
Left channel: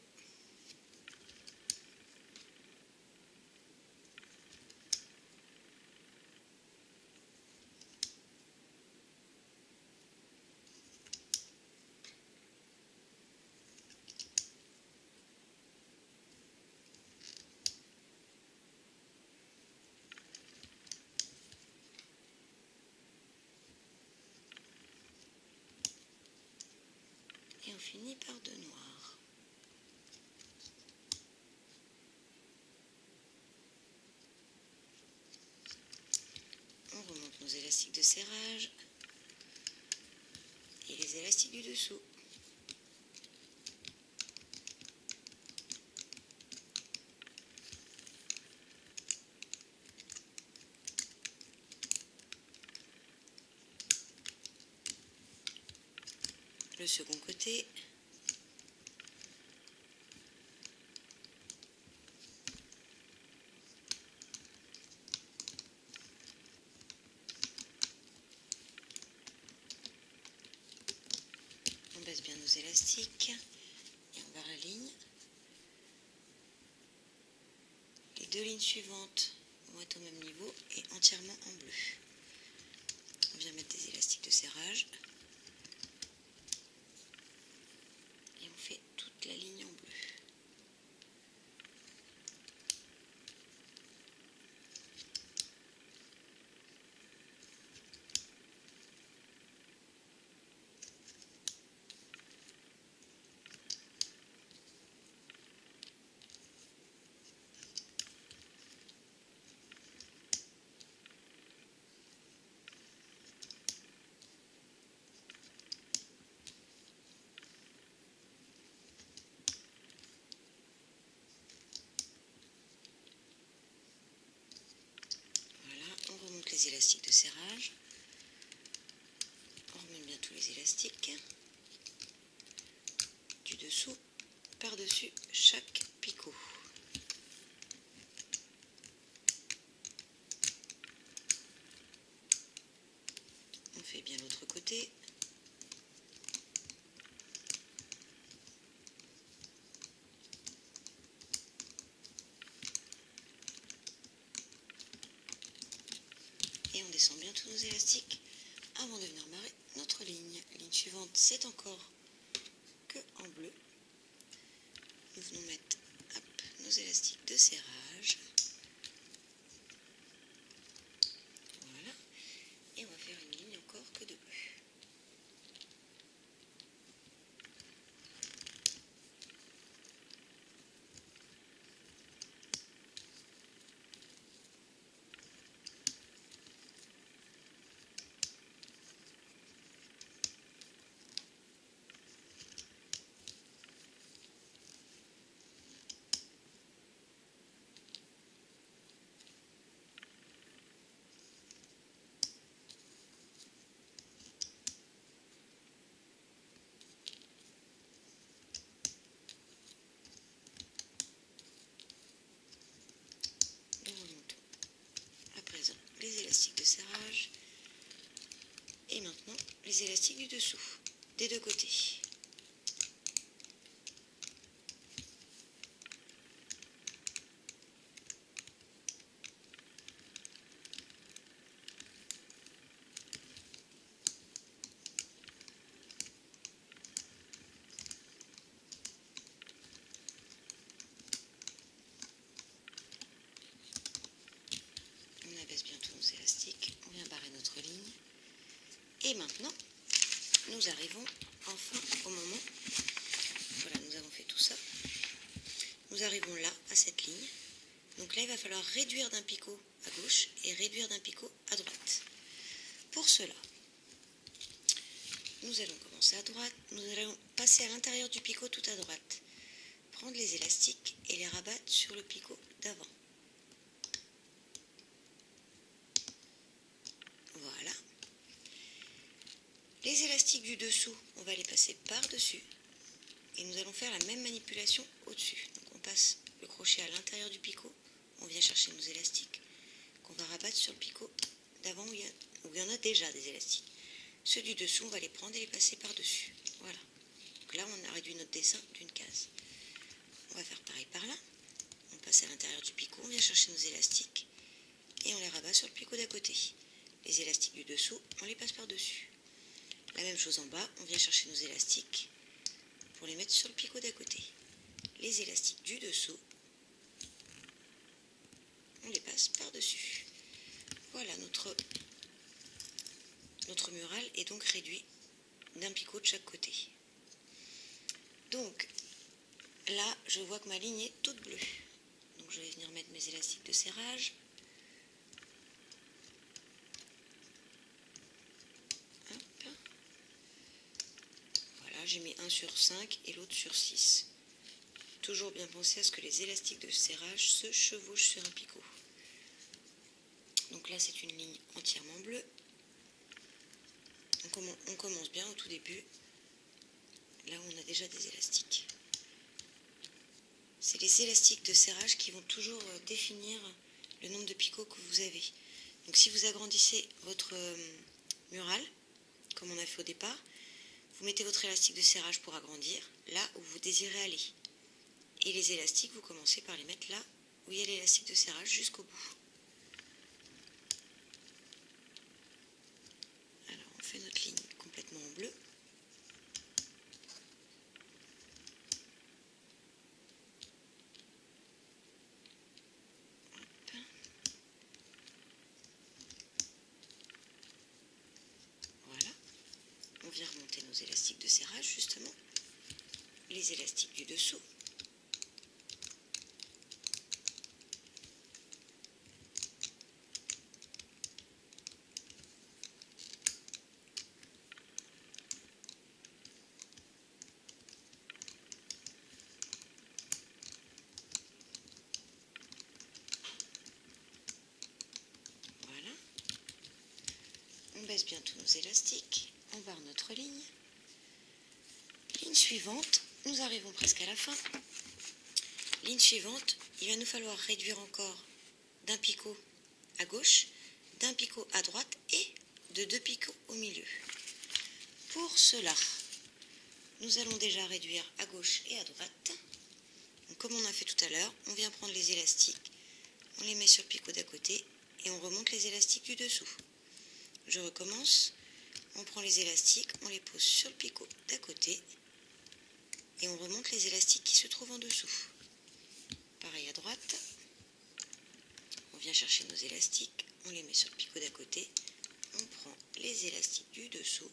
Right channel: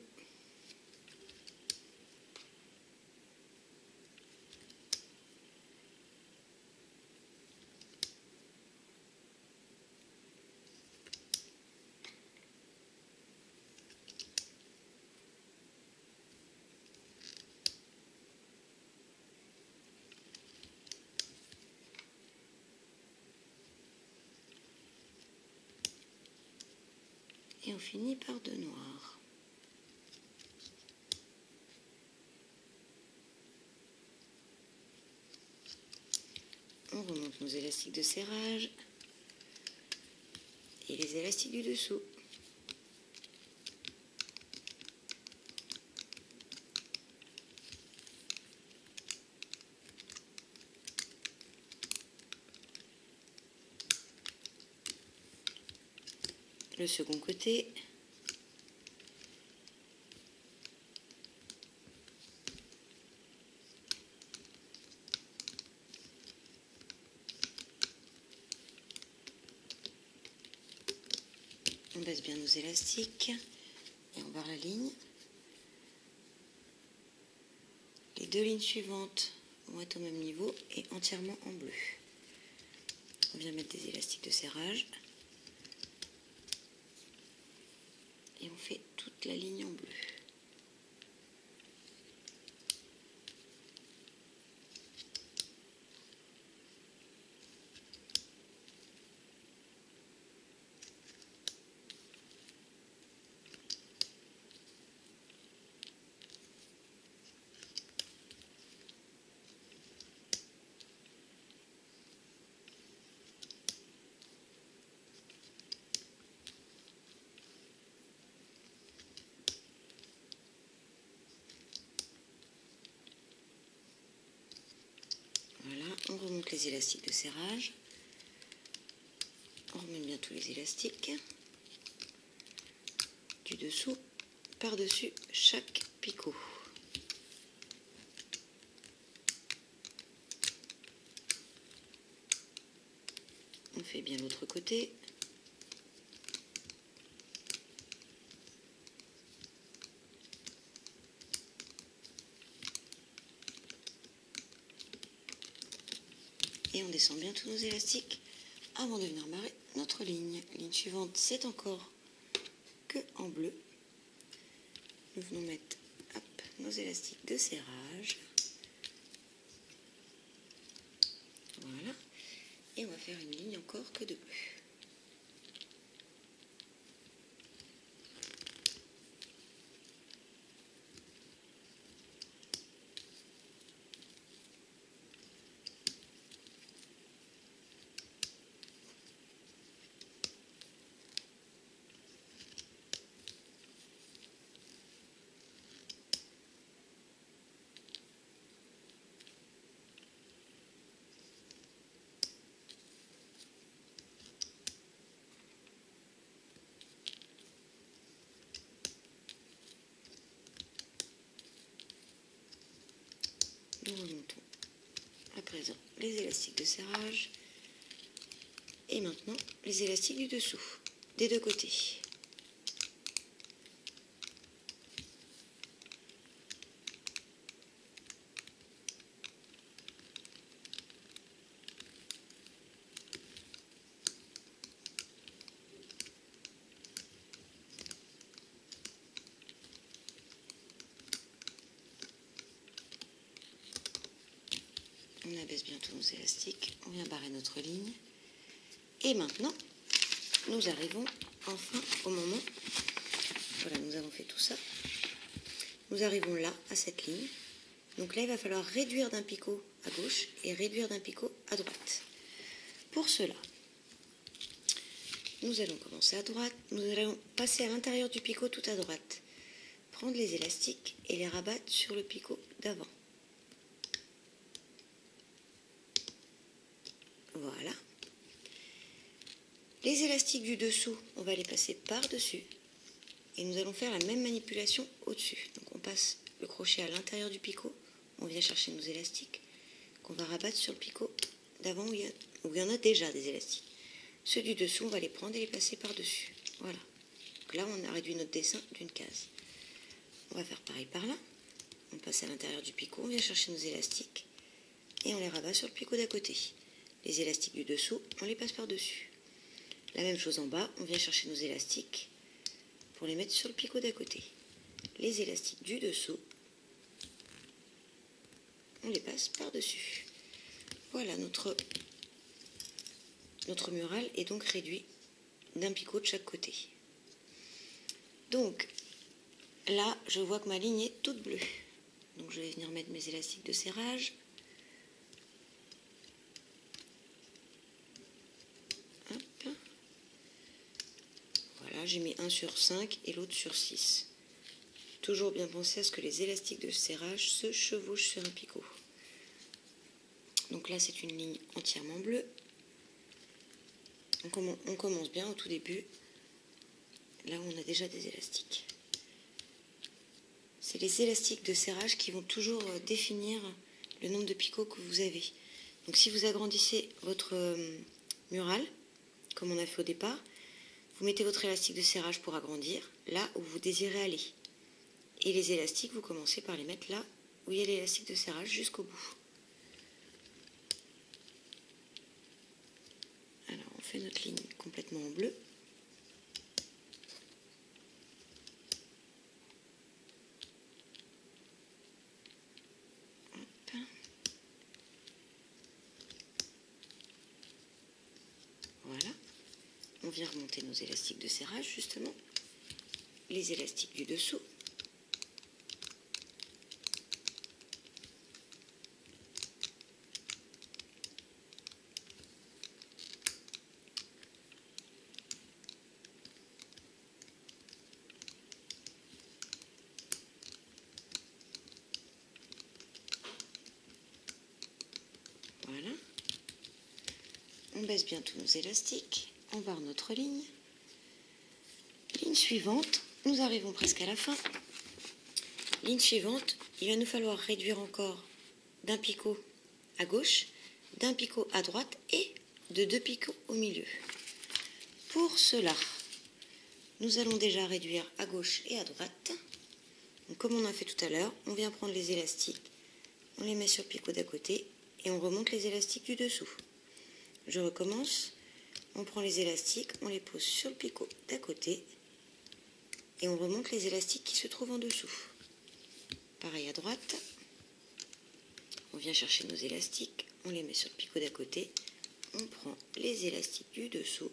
Et on finit par 2 noirs. On remonte nos élastiques de serrage et les élastiques du dessous. Le second côté. On baisse bien nos élastiques et on barre la ligne. Les 2 lignes suivantes vont être au même niveau et entièrement en bleu. On vient mettre des élastiques de serrage et on fait toute la ligne en bleu. On remonte les élastiques de serrage, on remonte bien tous les élastiques, du dessous par-dessus chaque picot. On fait bien l'autre côté. Et on descend bien tous nos élastiques avant de venir barrer notre ligne. Ligne suivante, c'est encore que en bleu. Nous venons mettre nos élastiques de serrage. faire une ligne encore que de bleu. Nous remontons à présent les élastiques de serrage et maintenant les élastiques du dessous, des deux côtés. On abaisse bien tous nos élastiques, on vient barrer notre ligne. Et maintenant, nous arrivons enfin au moment, voilà, nous avons fait tout ça. Nous arrivons là, à cette ligne. Donc là, il va falloir réduire d'un picot à gauche et réduire d'un picot à droite. Pour cela, nous allons commencer à droite, nous allons passer à l'intérieur du picot tout à droite. Prendre les élastiques et les rabattre sur le picot d'avant. Voilà. Les élastiques du dessous, on va les passer par-dessus et nous allons faire la même manipulation au-dessus. Donc on passe le crochet à l'intérieur du picot, on vient chercher nos élastiques qu'on va rabattre sur le picot d'avant où il y en a déjà des élastiques. Ceux du dessous, on va les prendre et les passer par-dessus. Voilà. Donc là, on a réduit notre dessin d'une case. On va faire pareil par là. On passe à l'intérieur du picot, on vient chercher nos élastiques et on les rabat sur le picot d'à côté. Les élastiques du dessous, on les passe par-dessus. La même chose en bas, on vient chercher nos élastiques pour les mettre sur le picot d'à côté. Les élastiques du dessous, on les passe par-dessus. Voilà, notre mural est donc réduit d'un picot de chaque côté. Donc, là, je vois que ma ligne est toute bleue. Donc, je vais venir mettre mes élastiques de serrage. Hop. Voilà, j'ai mis un sur 5 et l'autre sur 6. Toujours bien penser à ce que les élastiques de serrage se chevauchent sur un picot. Donc là, c'est une ligne entièrement bleue. On commence bien au tout début, là où on a déjà des élastiques. C'est les élastiques de serrage qui vont toujours définir le nombre de picots que vous avez. Donc si vous agrandissez votre mural, comme on a fait au départ, vous mettez votre élastique de serrage pour agrandir, là où vous désirez aller. Et les élastiques, vous commencez par les mettre là où il y a l'élastique de serrage jusqu'au bout. Alors on fait notre ligne complètement en bleu. Hop. Voilà. On vient remonter nos élastiques de serrage justement. Les élastiques du dessous. Voilà. On baisse bien tous nos élastiques, on barre notre ligne. Ligne suivante, nous arrivons presque à la fin. Ligne suivante, il va nous falloir réduire encore d'un picot à gauche, d'un picot à droite et de 2 picots au milieu. Pour cela, nous allons déjà réduire à gauche et à droite. Donc, comme on a fait tout à l'heure, on vient prendre les élastiques, on les met sur le picot d'à côté et on remonte les élastiques du dessous. Je recommence, on prend les élastiques, on les pose sur le picot d'à côté et on remonte les élastiques qui se trouvent en dessous. Pareil à droite, on vient chercher nos élastiques, on les met sur le picot d'à côté, on prend les élastiques du dessous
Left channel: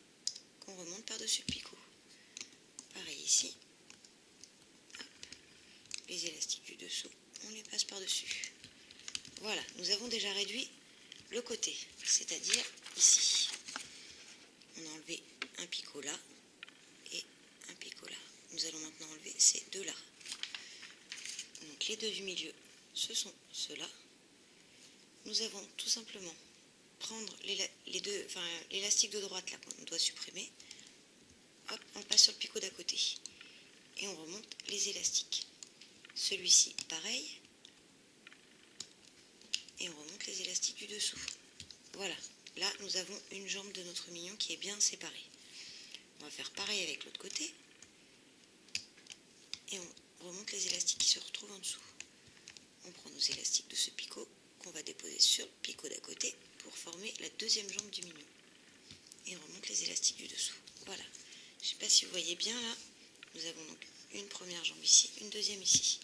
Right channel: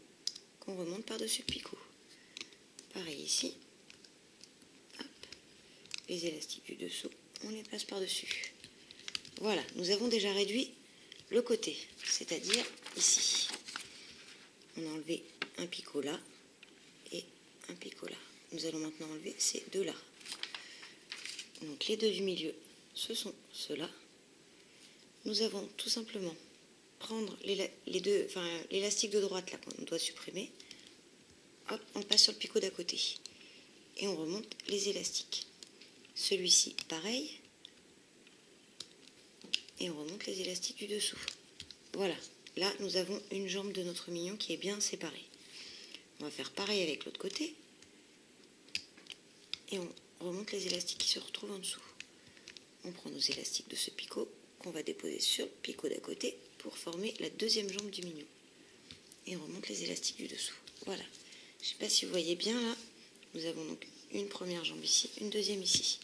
qu'on remonte par-dessus le picot. Pareil ici. Hop. Les élastiques du dessous, on les passe par-dessus. Voilà, nous avons déjà réduit le côté, c'est-à-dire ici. On a enlevé un picot là et un picot là. Nous allons maintenant enlever ces deux-là. Donc les deux du milieu, ce sont ceux-là. Nous avons tout simplement prendre l'élastique de droite là qu'on doit supprimer. Hop, on passe sur le picot d'à côté et on remonte les élastiques. Celui-ci, pareil. Et on remonte les élastiques du dessous. Voilà, là nous avons une jambe de notre mignon qui est bien séparée. On va faire pareil avec l'autre côté. Et on remonte les élastiques qui se retrouvent en dessous. On prend nos élastiques de ce picot qu'on va déposer sur le picot d'à côté pour former la deuxième jambe du mignon. Et on remonte les élastiques du dessous. Voilà. Je ne sais pas si vous voyez bien là. Nous avons donc une première jambe ici, une deuxième ici.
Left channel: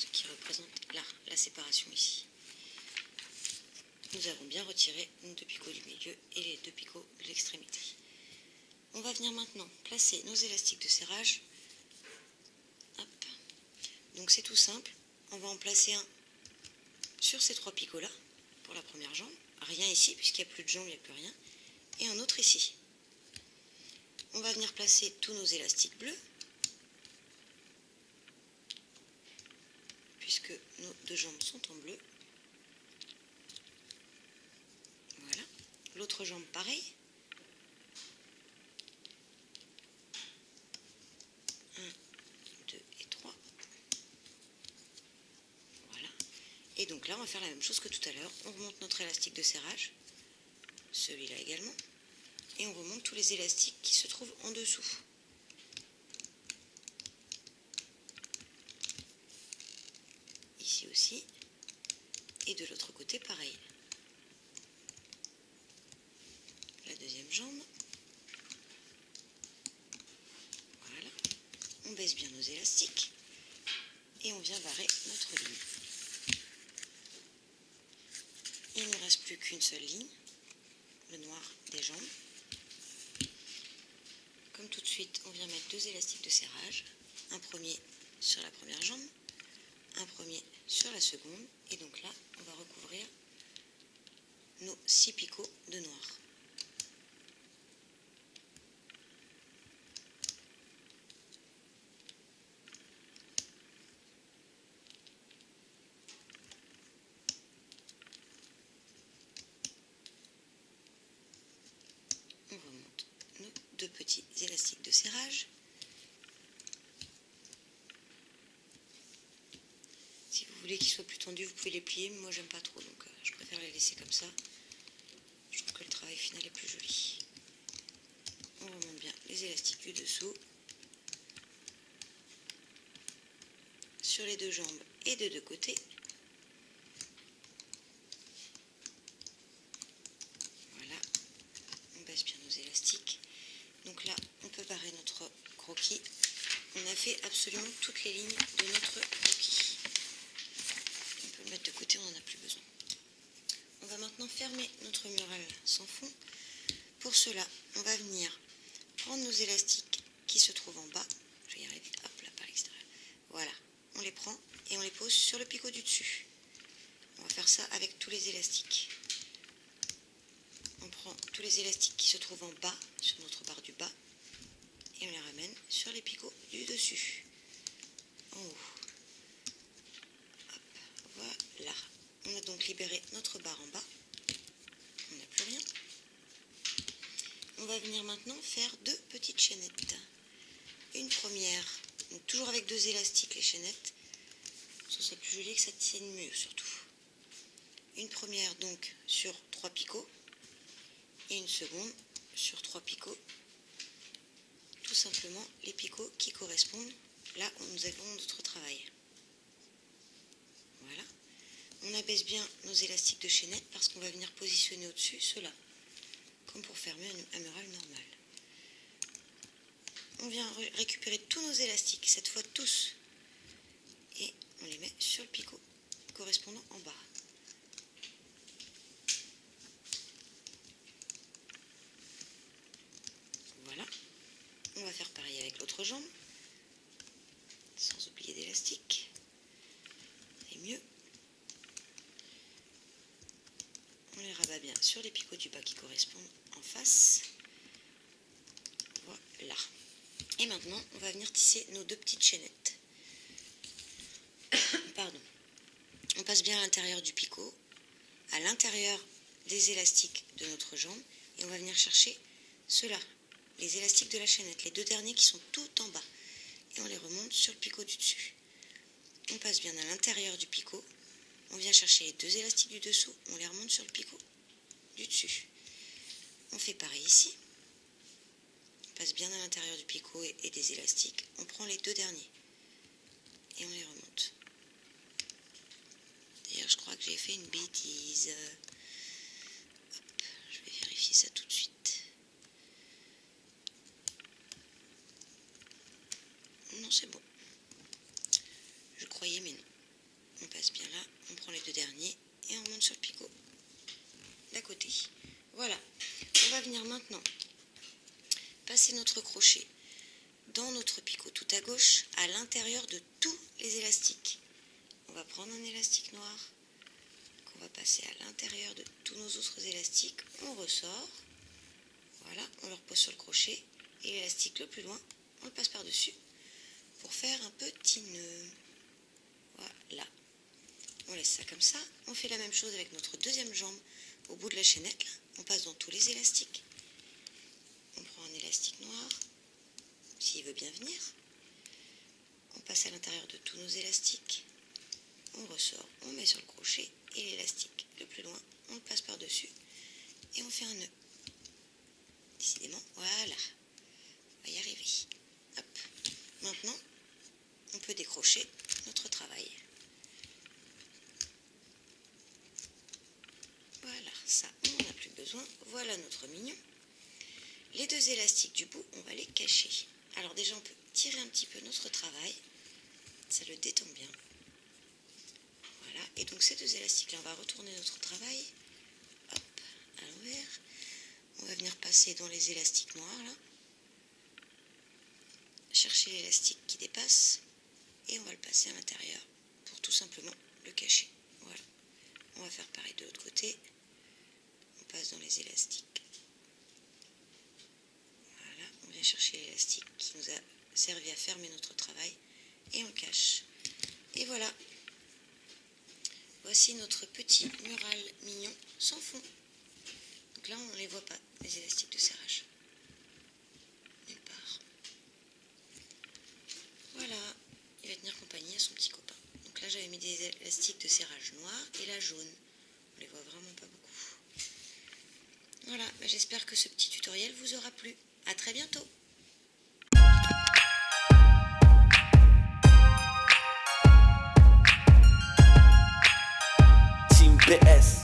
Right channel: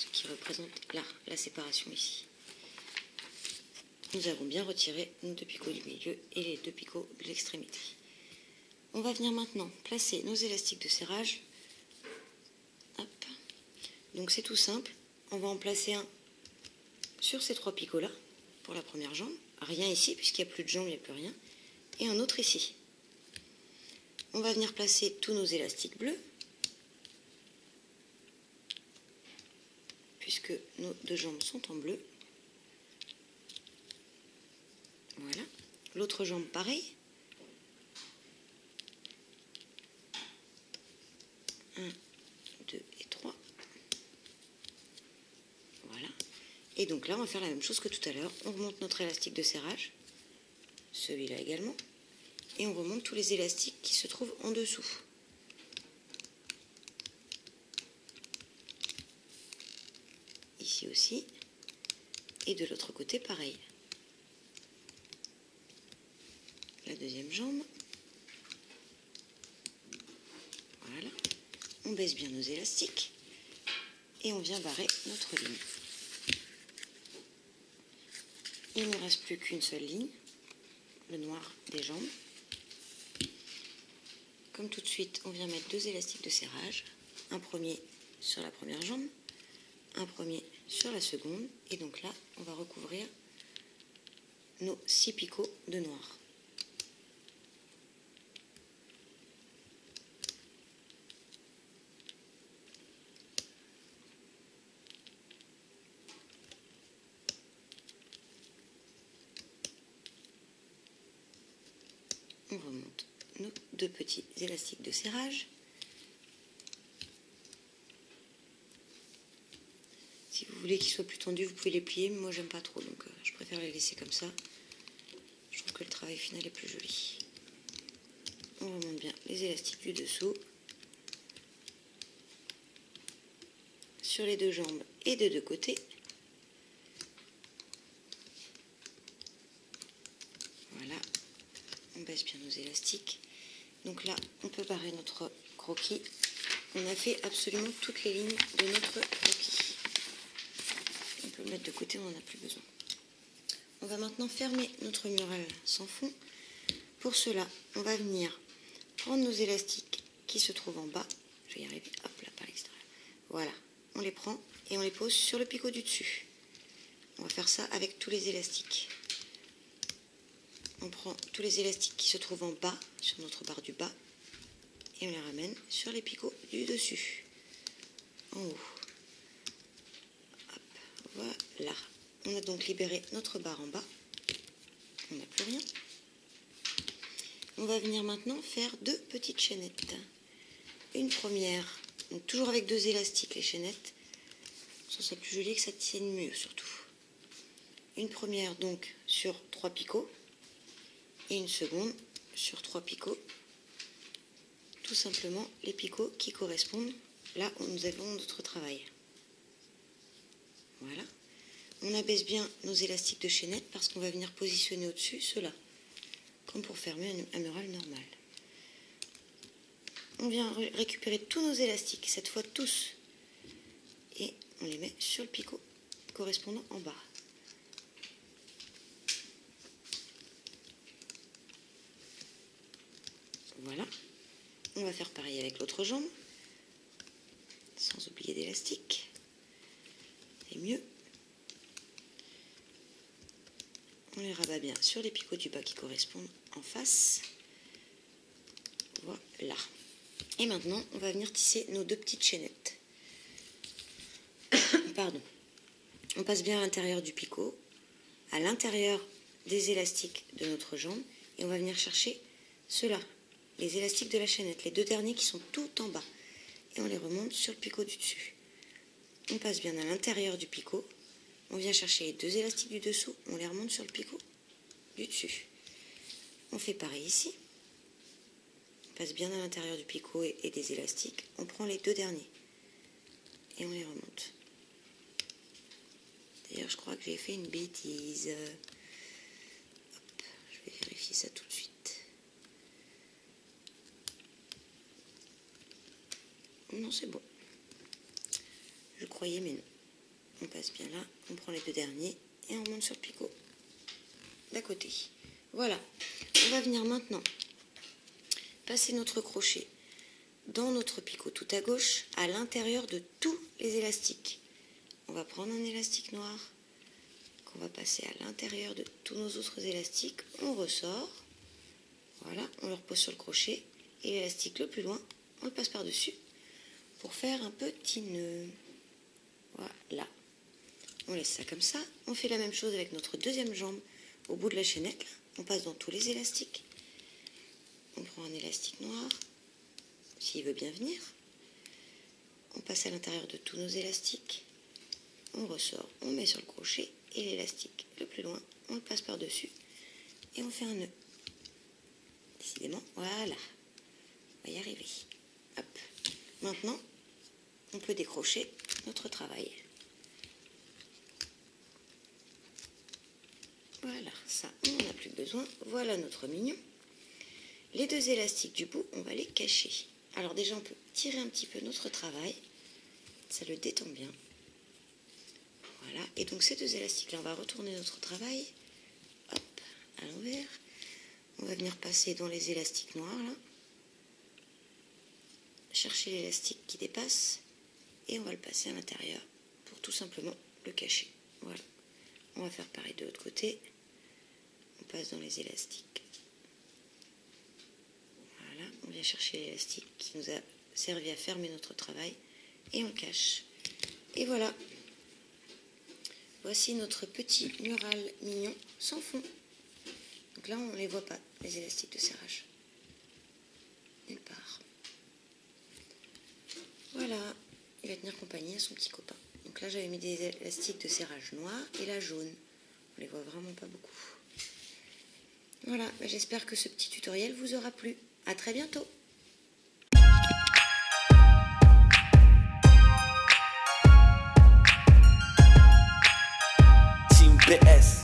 Ce qui représente là, la séparation ici. Nous avons bien retiré nos deux picots du milieu et les deux picots de l'extrémité. On va venir maintenant placer nos élastiques de serrage. Hop. Donc c'est tout simple. On va en placer un sur ces trois picots-là pour la première jambe. Rien ici, puisqu'il n'y a plus de jambe, il n'y a plus rien. Et un autre ici. On va venir placer tous nos élastiques bleus, puisque nos deux jambes sont en bleu. Voilà. L'autre jambe, pareil. 1, 2 et 3. Voilà. Et donc là, on va faire la même chose que tout à l'heure. On remonte notre élastique de serrage, celui-là également, et on remonte tous les élastiques qui se trouvent en dessous. Ici aussi. Et de l'autre côté, pareil. La deuxième jambe. Voilà. On baisse bien nos élastiques et on vient barrer notre ligne. Il ne reste plus qu'une seule ligne, le noir des jambes. Comme tout de suite, on vient mettre deux élastiques de serrage, un premier sur la première jambe, un premier sur la seconde, et donc là, on va recouvrir nos 6 picots de noir. On remonte nos deux petits élastiques de serrage. Si vous voulez qu'ils soient plus tendus, vous pouvez les plier, mais moi j'aime pas trop, donc je préfère les laisser comme ça. Je trouve que le travail final est plus joli. On remonte bien les élastiques du dessous sur les deux jambes et de deux côtés. Voilà, on baisse bien nos élastiques. Donc là, on peut barrer notre croquis. On a fait absolument toutes les lignes de notre croquis. On peut le mettre de côté, on n'en a plus besoin. On va maintenant fermer notre mural sans fond. Pour cela, on va venir prendre nos élastiques qui se trouvent en bas. Je vais y arriver, hop là, par l'extérieur. Voilà, on les prend et on les pose sur le picot du dessus. On va faire ça avec tous les élastiques. On prend tous les élastiques qui se trouvent en bas, sur notre barre du bas, et on les ramène sur les picots du dessus, en haut. Hop, voilà. On a donc libéré notre barre en bas. On n'a plus rien. On va venir maintenant faire deux petites chaînettes. Une première, donc toujours avec deux élastiques, les chaînettes. Ça serait plus joli que ça tienne mieux surtout. Une première donc sur 3 picots. Et une seconde sur 3 picots, tout simplement les picots qui correspondent là où nous avons notre travail. Voilà. On abaisse bien nos élastiques de chaînette parce qu'on va venir positionner au-dessus ceux-là, comme pour fermer un mural normal. On vient récupérer tous nos élastiques, cette fois tous, et on les met sur le picot correspondant en bas. Voilà. On va faire pareil avec l'autre jambe, sans oublier d'élastique. Et mieux. On les rabat bien sur les picots du bas qui correspondent en face. Voilà. Et maintenant, on va venir tisser nos 2 petites chaînettes. Pardon. On passe bien à l'intérieur du picot, à l'intérieur des élastiques de notre jambe, et on va venir chercher ceux-là, les élastiques de la chaînette, les 2 derniers qui sont tout en bas. Et on les remonte sur le picot du dessus. On passe bien à l'intérieur du picot. On vient chercher les 2 élastiques du dessous, on les remonte sur le picot du dessus. On fait pareil ici. On passe bien à l'intérieur du picot et des élastiques. On prend les 2 derniers et on les remonte. D'ailleurs, je crois que j'ai fait une bêtise. Hop, je vais vérifier ça tout de suite. Non, c'est bon. Je croyais, mais non. On passe bien là, on prend les 2 derniers et on monte sur le picot d'à côté. Voilà. On va venir maintenant passer notre crochet dans notre picot tout à gauche, à l'intérieur de tous les élastiques. On va prendre un élastique noir qu'on va passer à l'intérieur de tous nos autres élastiques. On ressort. Voilà, on le repose sur le crochet et l'élastique le plus loin, on le passe par-dessus pour faire un petit nœud. Voilà. On laisse ça comme ça. On fait la même chose avec notre 2e jambe au bout de la chaînette. Là. On passe dans tous les élastiques. On prend un élastique noir, s'il veut bien venir. On passe à l'intérieur de tous nos élastiques. On ressort, on met sur le crochet et l'élastique le plus loin, on le passe par-dessus et on fait un nœud. Décidément, voilà. On va y arriver. Hop. Maintenant, on peut décrocher notre travail. Voilà, ça, on n'en a plus besoin. Voilà notre mignon. Les 2 élastiques du bout, on va les cacher. Alors déjà, on peut tirer un petit peu notre travail. Ça le détend bien. Voilà, et donc ces 2 élastiques-là, on va retourner notre travail. Hop, à l'envers. On va venir passer dans les élastiques noirs, là. Chercher l'élastique qui dépasse. Et on va le passer à l'intérieur pour tout simplement le cacher. Voilà. On va faire pareil de l'autre côté. On passe dans les élastiques. Voilà, on vient chercher l'élastique qui nous a servi à fermer notre travail et on le cache. Et voilà. Voici notre petit mural mignon sans fond. Donc là, on ne les voit pas, les élastiques de serrage. Nulle part. Voilà. Il va tenir compagnie à son petit copain. Donc là, j'avais mis des élastiques de serrage noir et là jaune. On les voit vraiment pas beaucoup. Voilà, j'espère que ce petit tutoriel vous aura plu. À très bientôt. Team PS.